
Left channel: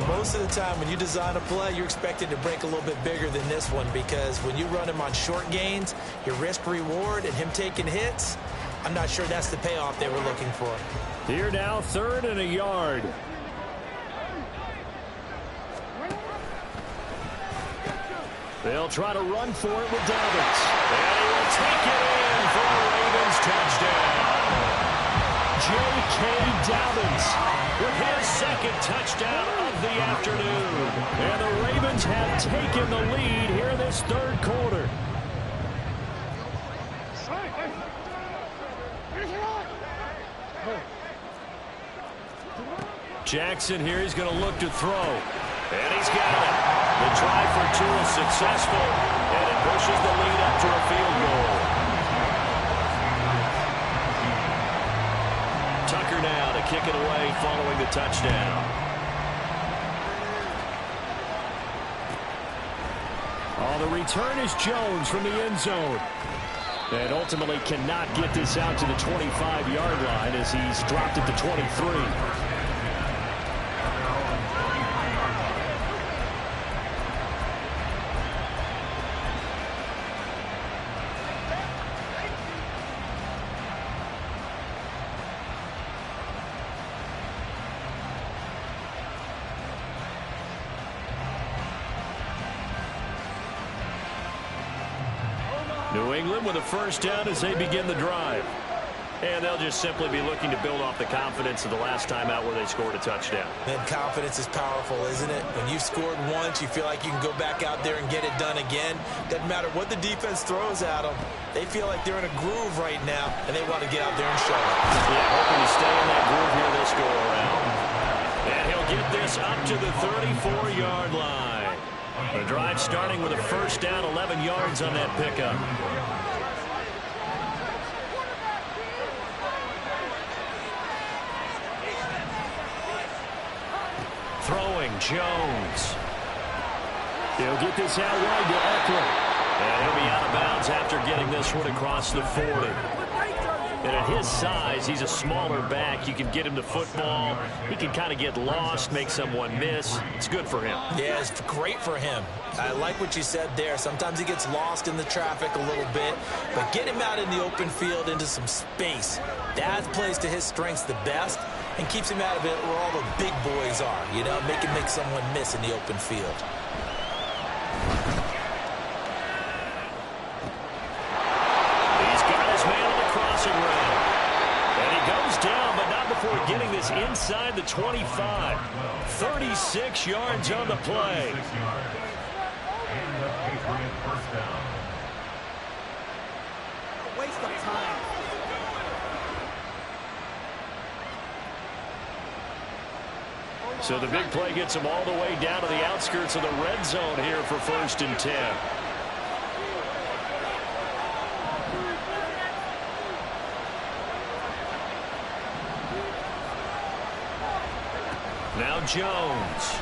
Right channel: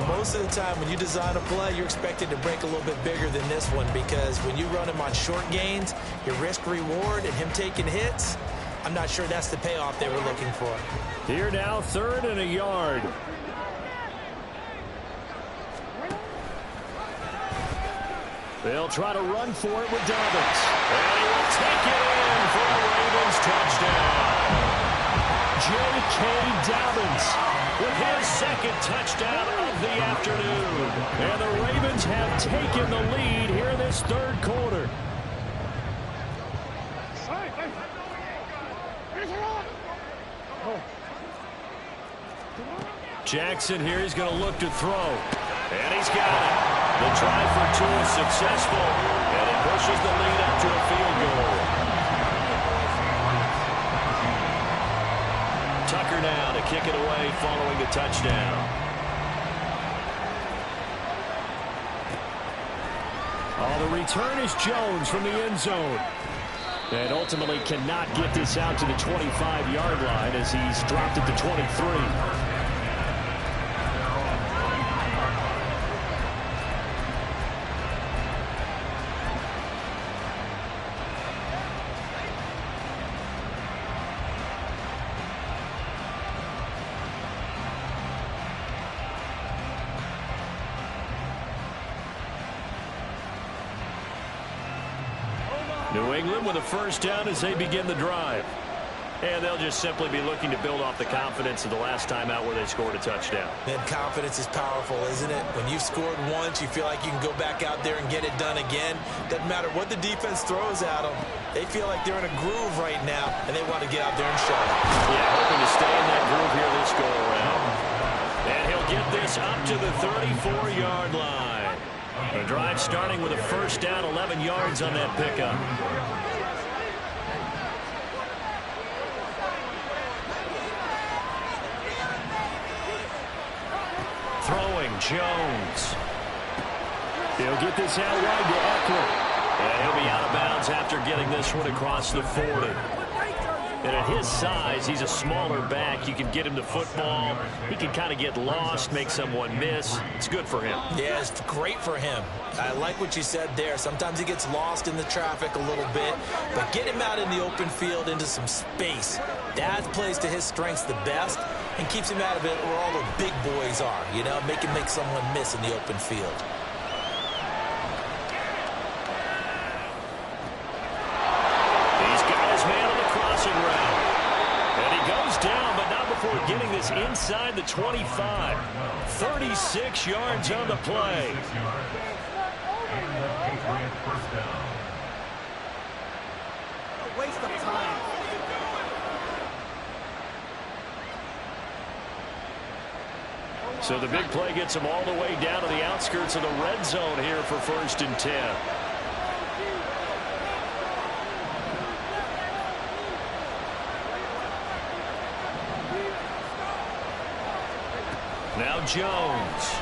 most of the time when you design a play, you're expected to break a little bit bigger than this one, because when you run him on short gains, your risk-reward and him taking hits, I'm not sure that's the payoff they were looking for. Here now, 3rd and a yard. They'll try to run for it with Dobbins. And he will take it in for a Ravens touchdown. J.K. Dobbins with his 2nd touchdown of the afternoon. And the Ravens have taken the lead here in this 3rd quarter. Jackson here, he's going to look to throw. And he's got it. The try for 2 is successful, and it pushes the lead up to a field goal. Tucker now to kick it away following the touchdown. Oh, the return is Jones from the end zone. And ultimately cannot get this out to the 25-yard line as he's dropped it to 23. New England with a 1st down as they begin the drive. And they'll just simply be looking to build off the confidence of the last time out where they scored a touchdown. And confidence is powerful, isn't it? When you've scored once, you feel like you can go back out there and get it done again. Doesn't matter what the defense throws at them. They feel like they're in a groove right now, and they want to get out there and show it. Yeah, hoping to stay in that groove here this go-around. And he'll get this up to the 34-yard line. The drive starting with a 1st down, 11 yards on that pickup. Throwing, Jones. He'll get this out wide to Eckler. And he'll be out of bounds after getting this one across the 40. And at his size, he's a smaller back. You can get him the football. He can kind of get lost, make someone miss. It's good for him. Yeah, it's great for him. I like what you said there. Sometimes he gets lost in the traffic a little bit, but get him out in the open field into some space. That plays to his strengths the best and keeps him out of it where all the big boys are, you know, make someone miss in the open field. He's got his man on the crossing route. And he goes down, but not before getting this inside the 25. 36 yards on the play. And the Patriot 1st down. What a waste of time. So the big play gets him all the way down to the outskirts of the red zone here for 1st and 10. Now Jones.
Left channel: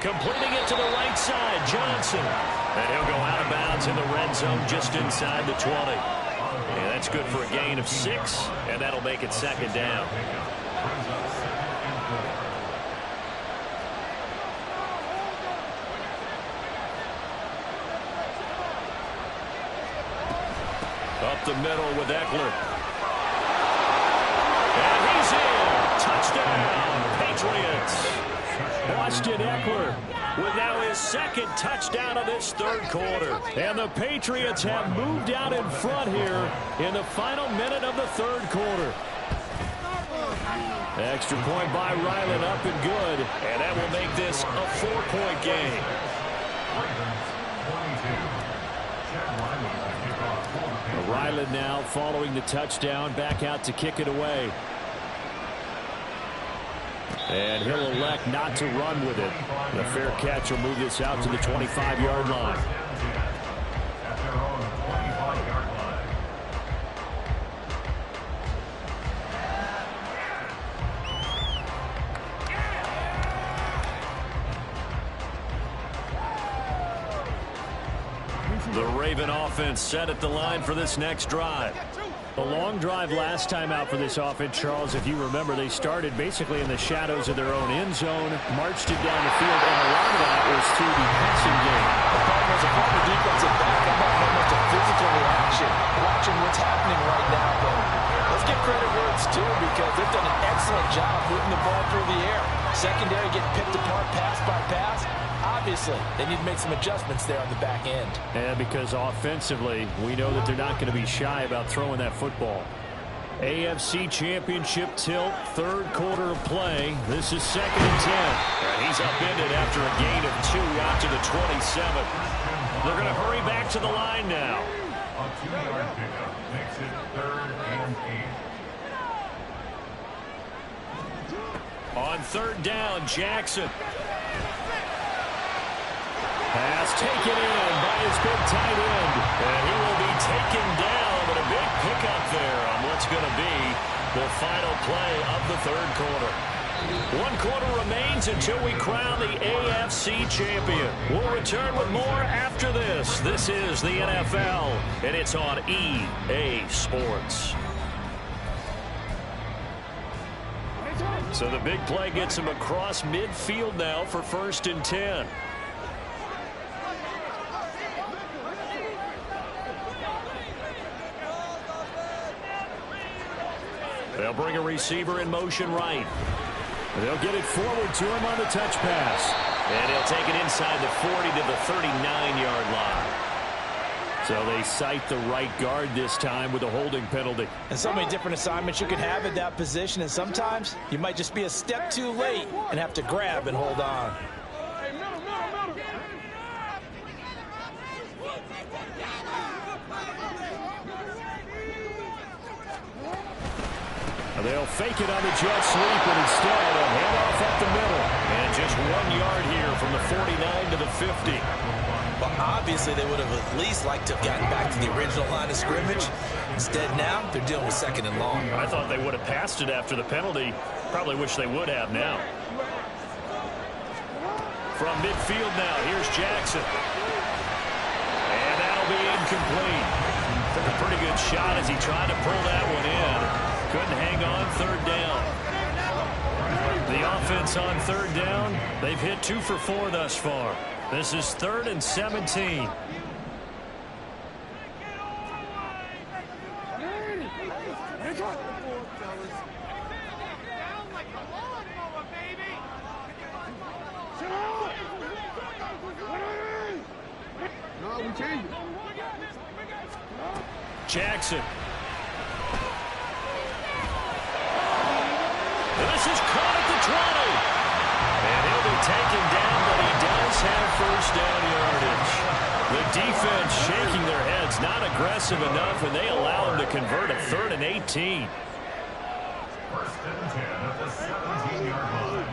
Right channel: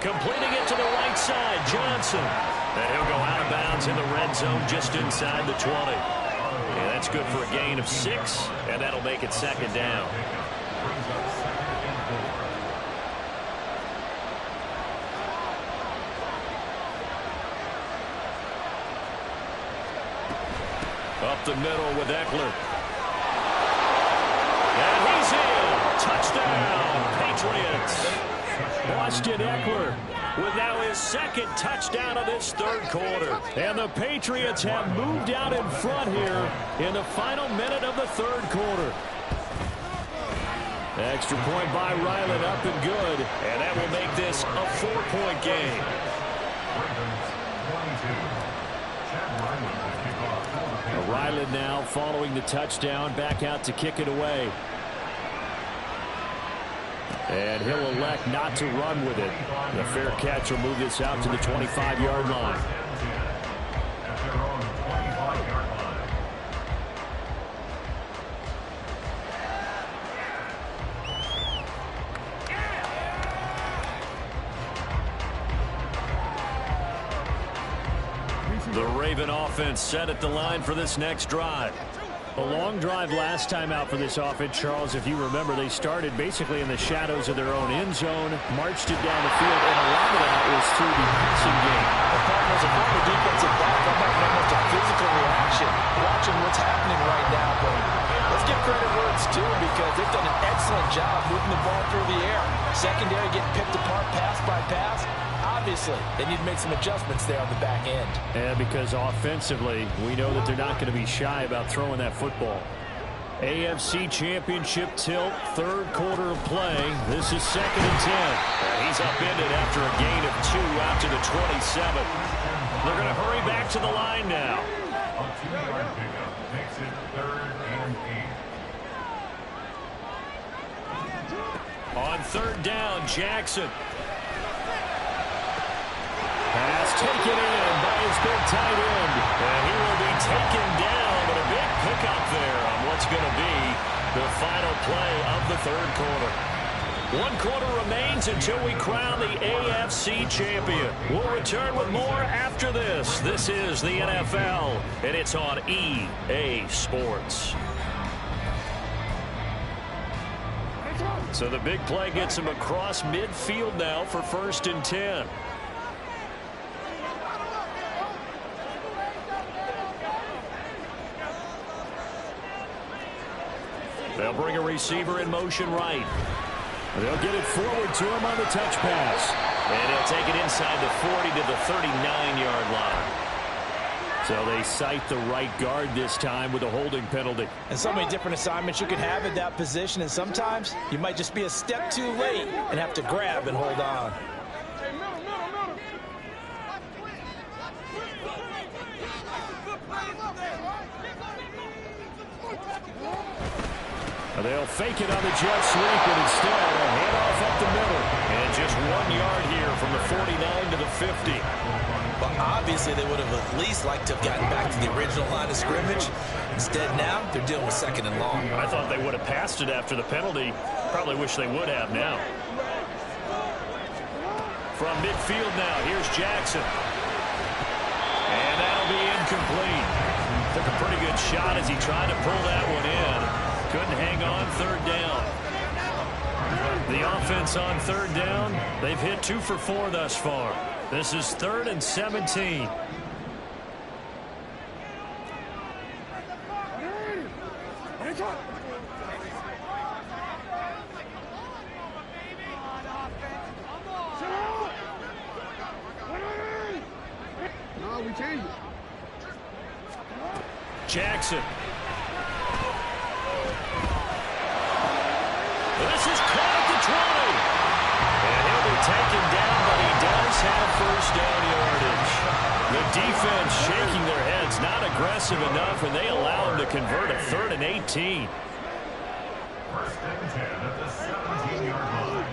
Completing it to the right side, Johnson. And he'll go out of bounds in the red zone just inside the 20. And that's good for a gain of 6, and that'll make it 2nd down. Brings up 2nd and 4. Up the middle with Eckler. And he's in. Touchdown, Patriots. Austin Eckler with now his 2nd touchdown of this 3rd quarter. And the Patriots have moved out in front here in the final minute of the 3rd quarter. Extra point by Ryland, up and good. And that will make this a 4-point game. Ravens 22. Chad Ryland to kick off for the Patriots. Ryland now following the touchdown, back out to kick it away. And he'll elect not to run with it. The fair catch will move this out to the 25-yard line. At their own 25-yard line. The Raven offense set at the line for this next drive. A long drive last time out for this offense, Charles. If you remember, they started basically in the shadows of their own end zone, marched it down the field, and a lot of that was through the passing game. Partner, as a former defensive back, I'm not almost a physical reaction watching what's happening right now. But let's give credit where it's due, because they've done an excellent job moving the ball through the air. Secondary getting picked apart pass by pass. Obviously, they need to make some adjustments there on the back end. And because offensively, we know that they're not going to be shy about throwing that football. AFC Championship tilt, third quarter of play. This is 2nd and 10. And he's upended after a gain of 2 out to the 27. They're going to hurry back to the line now. A 2-yard pickup makes it 3rd and 8. On 3rd down, Jackson. Pass taken in by his big tight end. And he will be taken down, but a big pickup there on what's going to be the final play of the 3rd quarter. 1 quarter remains until we crown the AFC champion. We'll return with more after this. This is the NFL, and it's on EA Sports. So the big play gets him across midfield now for 1st and 10. They'll bring a receiver in motion right. They'll get it forward to him on the touch pass. And he'll take it inside the 40 to the 39-yard line. So they cite the right guard this time with a holding penalty. And so many different assignments you can have at that position, and sometimes you might just be a step too late and have to grab and hold on. Hey, middle. They'll fake it on the jet sweep, and instead a handoff up the middle. And just 1 yard here from the 49 to the 50. Well, obviously they would have at least liked to have gotten back to the original line of scrimmage. Instead now, they're dealing with 2nd and long. I thought they would have passed it after the penalty. Probably wish they would have now. From midfield now, here's Jackson. And that'll be incomplete. Took a pretty good shot as he tried to pull that one in. Couldn't hang on 3rd down. The offense on 3rd down, they've hit 2 for 4 thus far. This is 3rd and 17. No, we changed it. Jackson. This is caught at the 20. And he'll be taken down, but he does have 1st down yardage. The defense shaking their heads, not aggressive enough, and they allow him to convert a 3rd and 18. 1st and 10 at the 17-yard line.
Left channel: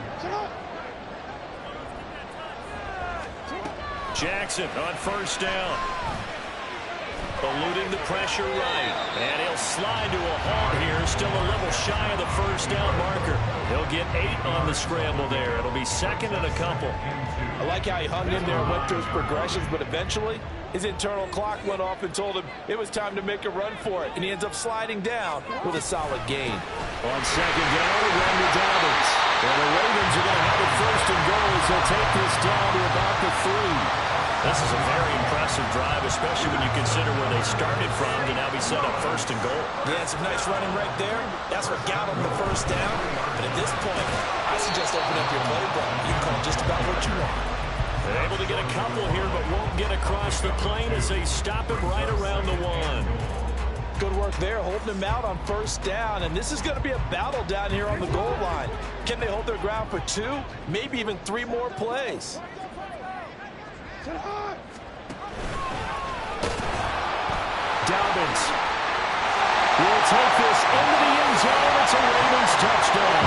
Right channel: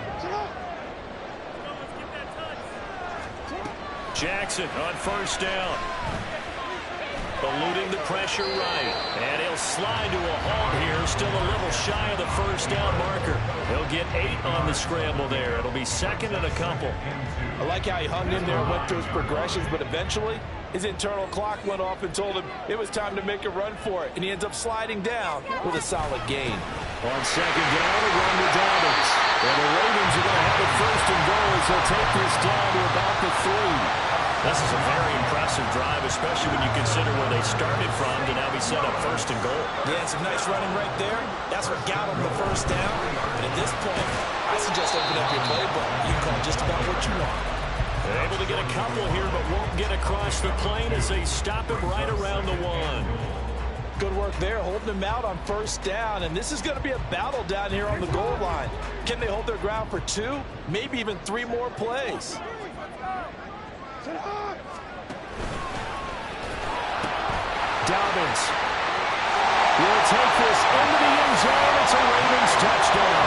Jackson on 1st down. Eluding the pressure right. And he'll slide to a halt here. Still a little shy of the 1st down marker. He'll get 8 on the scramble there. It'll be 2nd and a couple. I like how he hung in there and went through his progressions, but eventually his internal clock went off and told him it was time to make a run for it. And he ends up sliding down with a solid gain. On 2nd down, a run to Dobbins. And the Ravens are going to have it 1st and goal as they'll take this down to about the 3. This is a very impressive drive, especially when you consider where they started from to now be set up 1st and goal. Yeah, some nice running right there. That's what got them the 1st down. But at this point, I suggest open up your playbook. You can call just about what you want. They're able to get a couple here, but won't get across the plane as they stop him right around the 1. Good work there, holding them out on first down. And this is going to be a battle down here on the goal line. Can they hold their ground for 2, maybe even 3 more plays? Dobbins will take this into the end zone. It's a Ravens touchdown.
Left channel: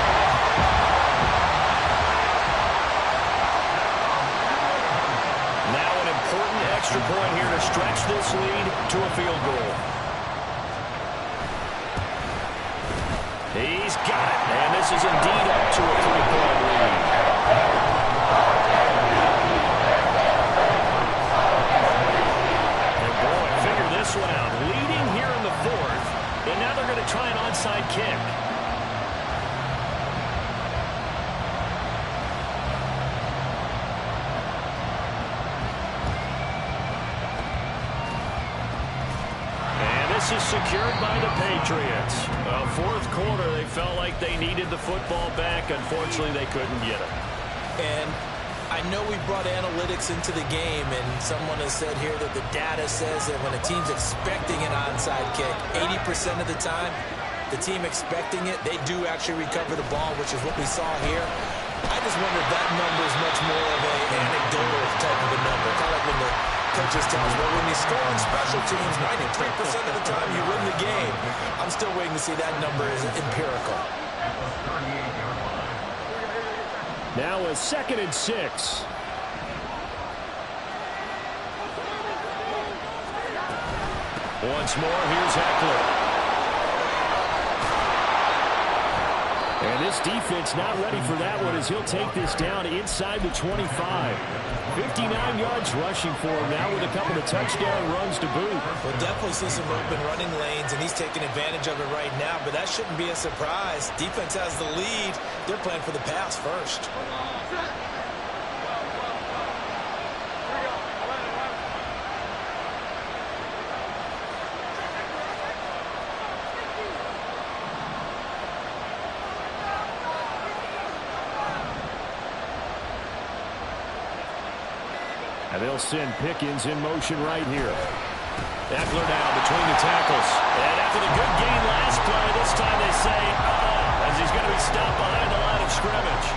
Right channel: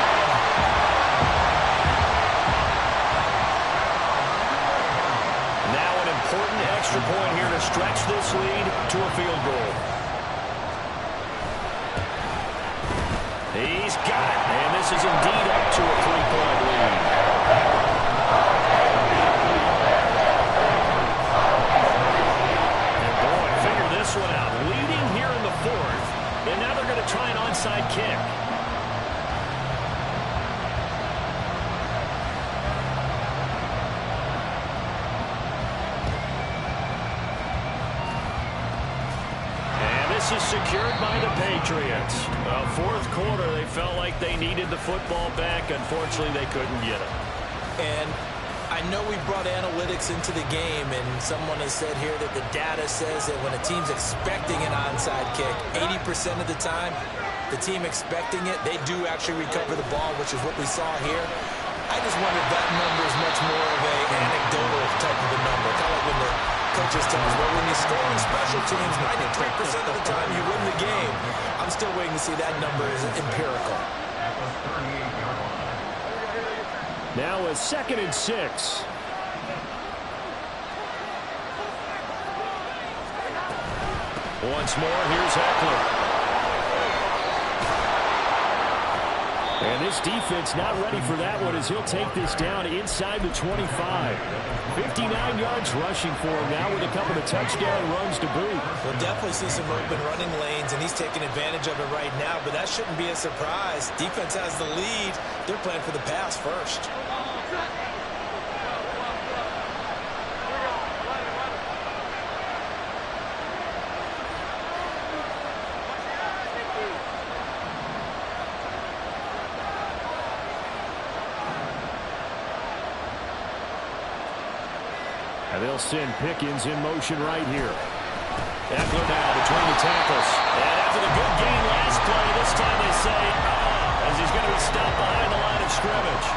Now an important extra point here to stretch this lead to a field goal. He's got it, and this is indeed up to a 3-point lead. And boy, figure this one out. Leading here in the 4th, and now they're going to try an onside kick. This is secured by the Patriots. 4th quarter, they felt like they needed the football back. Unfortunately, they couldn't get it. And I know we brought analytics into the game, and someone has said here that the data says that when a team's expecting an onside kick, 80% of the time, the team expecting it, they do actually recover the ball, which is what we saw here. I just wonder if that number is much more of an anecdotal type of a number. Kind of like when the coaches tell us, well, when you score on special teams, 93% of the time you win the game. I'm still waiting to see that number is empirical. Now a 2nd and 6. Once more, here's Eckler. And this defense not ready for that one as he'll take this down inside the 25. 59 yards rushing for him now with a couple of touchdown runs to boot. We'll definitely see some open running lanes, and he's taking advantage of it right now, but that shouldn't be a surprise. Defense has the lead. They're playing for the pass first. And they'll send Pickens in motion right here. Eckler now between the tackles. And after the good gain last play, this time they say, as he's going to be stopped behind the line of scrimmage.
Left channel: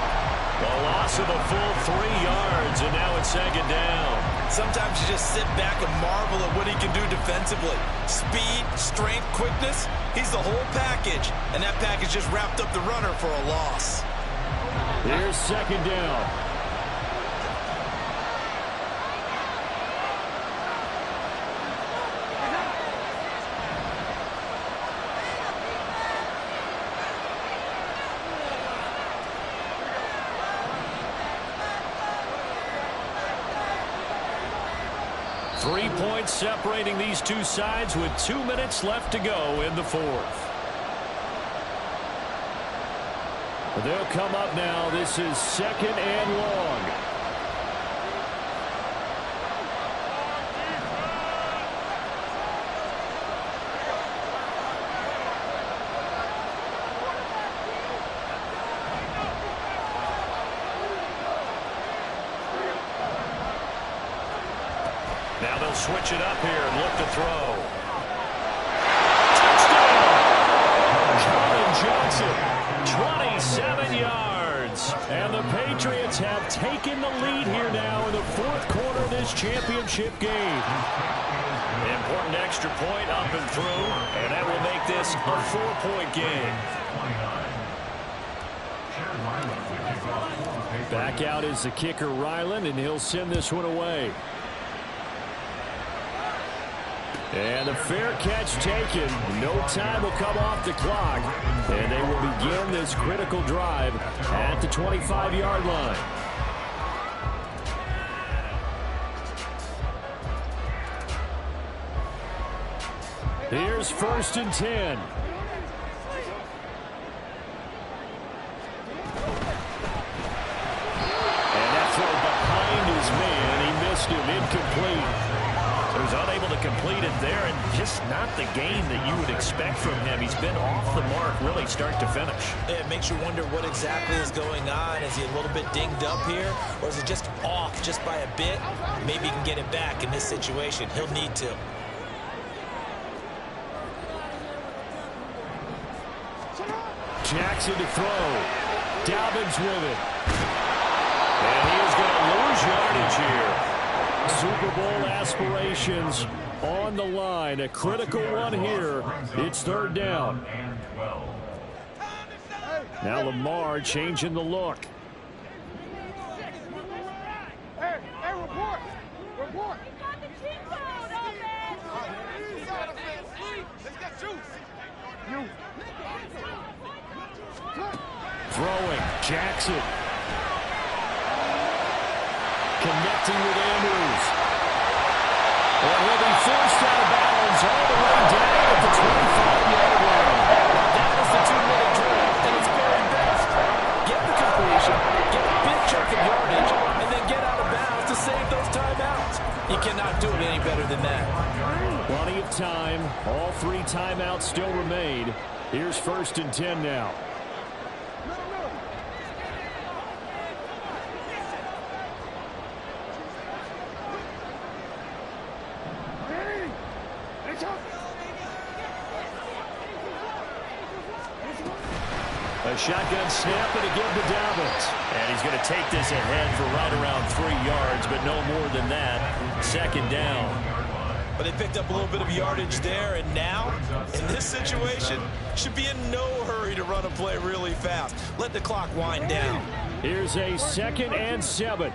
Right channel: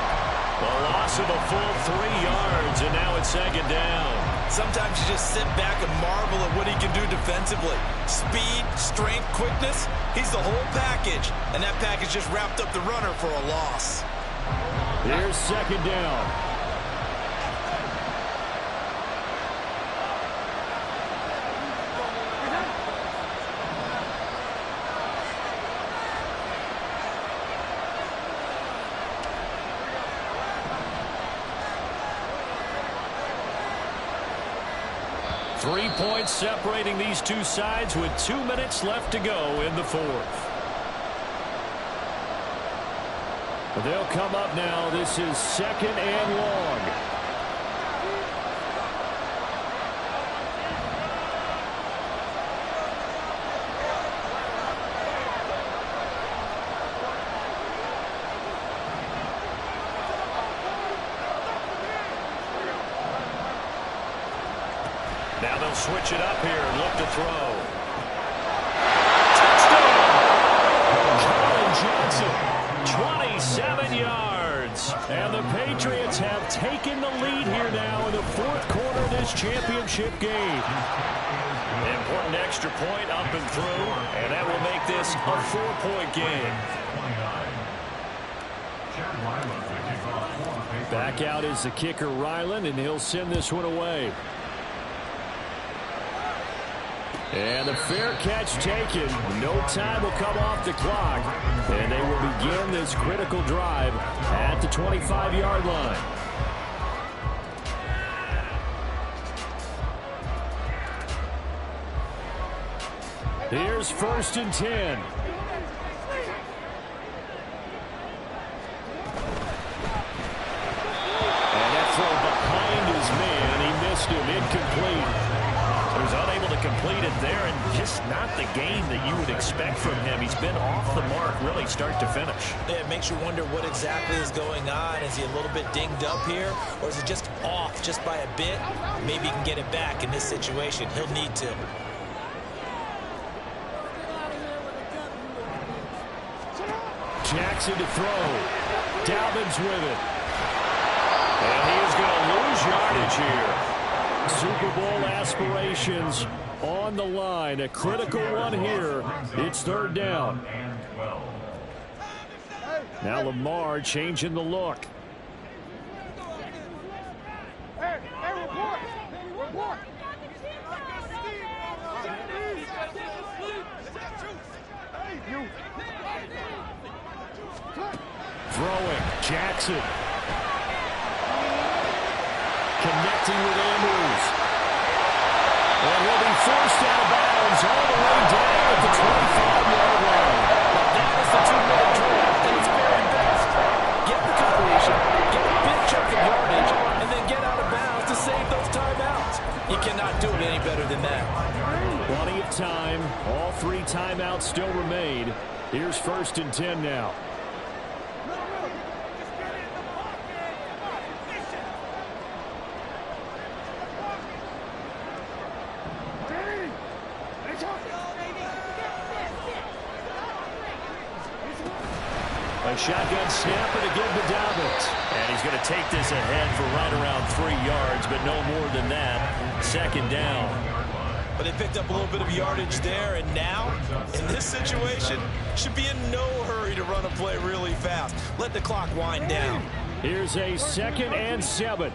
The loss of a full 3 yards, and now it's 2nd down. Sometimes you just sit back and marvel at what he can do defensively. Speed, strength, quickness, he's the whole package. And that package just wrapped up the runner for a loss. Here's 2nd down. Three points separating these two sides with 2 minutes left to go in the 4th. They'll come up now. This is 2nd and long. Now they'll switch it up here and look to throw. Touchdown! Colin Johnson, 27 yards. And the Patriots have taken the lead here now in the 4th quarter of this championship game. Important extra point up and through, and that will make this a 4-point game. Back out is the kicker, Ryland, and he'll send this one away. And the fair catch taken. No time will come off the clock. And they will begin this critical drive at the 25-yard line. Here's 1st and 10. And that throw behind his man. He missed him. Incomplete. He was unable to complete it there, and just not the game that you would expect from him. He's been off the mark really start to finish. Yeah, it makes you wonder what exactly is going on. Is he a little bit dinged up here, or is it just off just by a bit? Maybe he can get it back in this situation. He'll need to. Jackson to throw. Dobbins with it. And he is going to lose yardage here. Super Bowl aspirations on the line. A critical one here. It's third down. Now Lamar changing the look. Hey, report. Report. Throwing. Jackson. Connecting with Andrews. And he'll be forced out of bounds all the way down at the 25-yard line. That is the 2-minute drill, and it's very best. Get the completion, get a big chunk of yardage, and then get out of bounds to save those timeouts. You cannot do it any better than that. Plenty of time. All 3 timeouts still remain. Here's 1st and 10 now. A shotgun snap and again to Dobbins. And he's going to take this ahead for right around 3 yards, but no more than that. 2nd down. But they picked up a little bit of yardage there, and now, in this situation, should be in no hurry to run a play really fast. Let the clock wind down. Here's a 2nd and 7.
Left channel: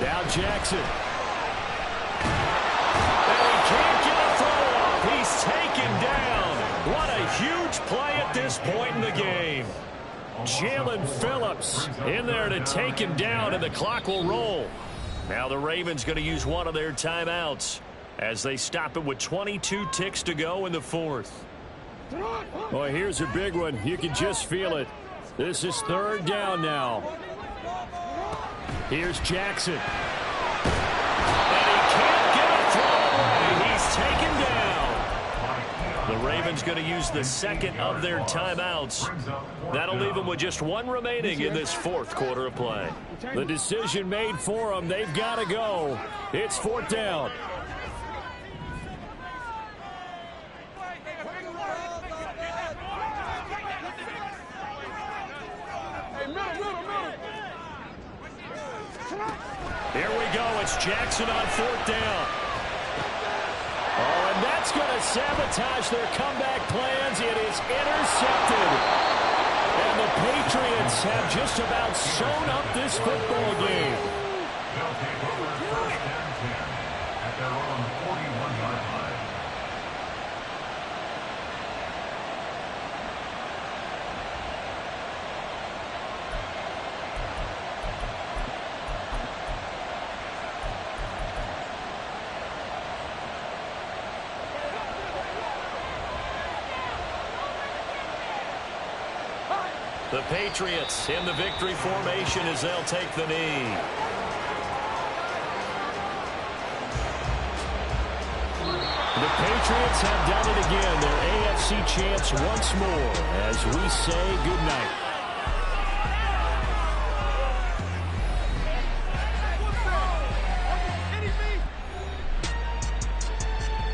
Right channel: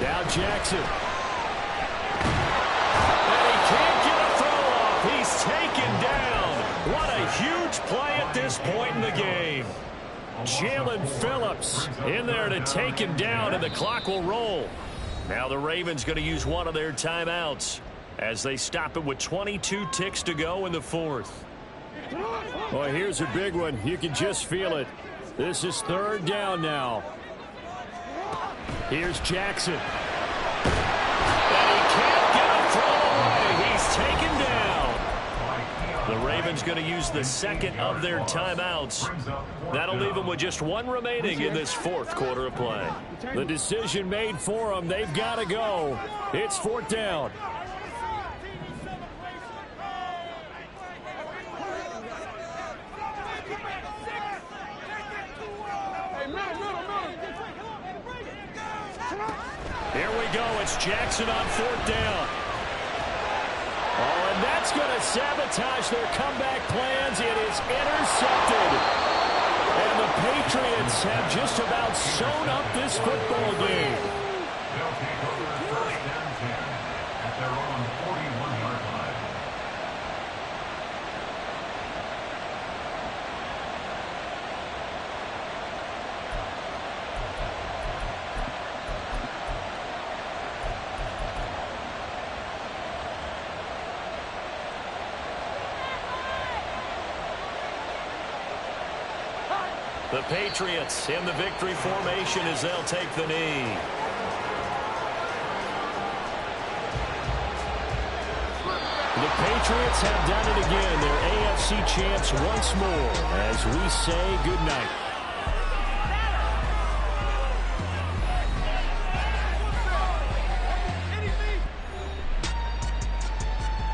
Now Jackson. And he can't get a throw off. He's taken down. What a huge play at this point in the game. Jalen Phillips in there to take him down, and the clock will roll. Now the Ravens going to use one of their timeouts as they stop it with 22 ticks to go in the 4th. Well, here's a big one. You can just feel it. This is 3rd down now. Here's Jackson. And he can't get a throw away. He's taken down. The Ravens going to use the 2nd of their timeouts. That'll leave them with just 1 remaining in this 4th quarter of play. The decision made for them. They've got to go. It's 4th down. Here we go. It's Jackson on 4th down. Oh, and that's going to sabotage their comeback plans. It is intercepted. And the Patriots have just about sewn up this football game. They'll take over 1st and 10 at their own 41-yard line. The Patriots in the victory formation as they'll take the knee. The Patriots have done it again. Their AFC champs once more as we say goodnight.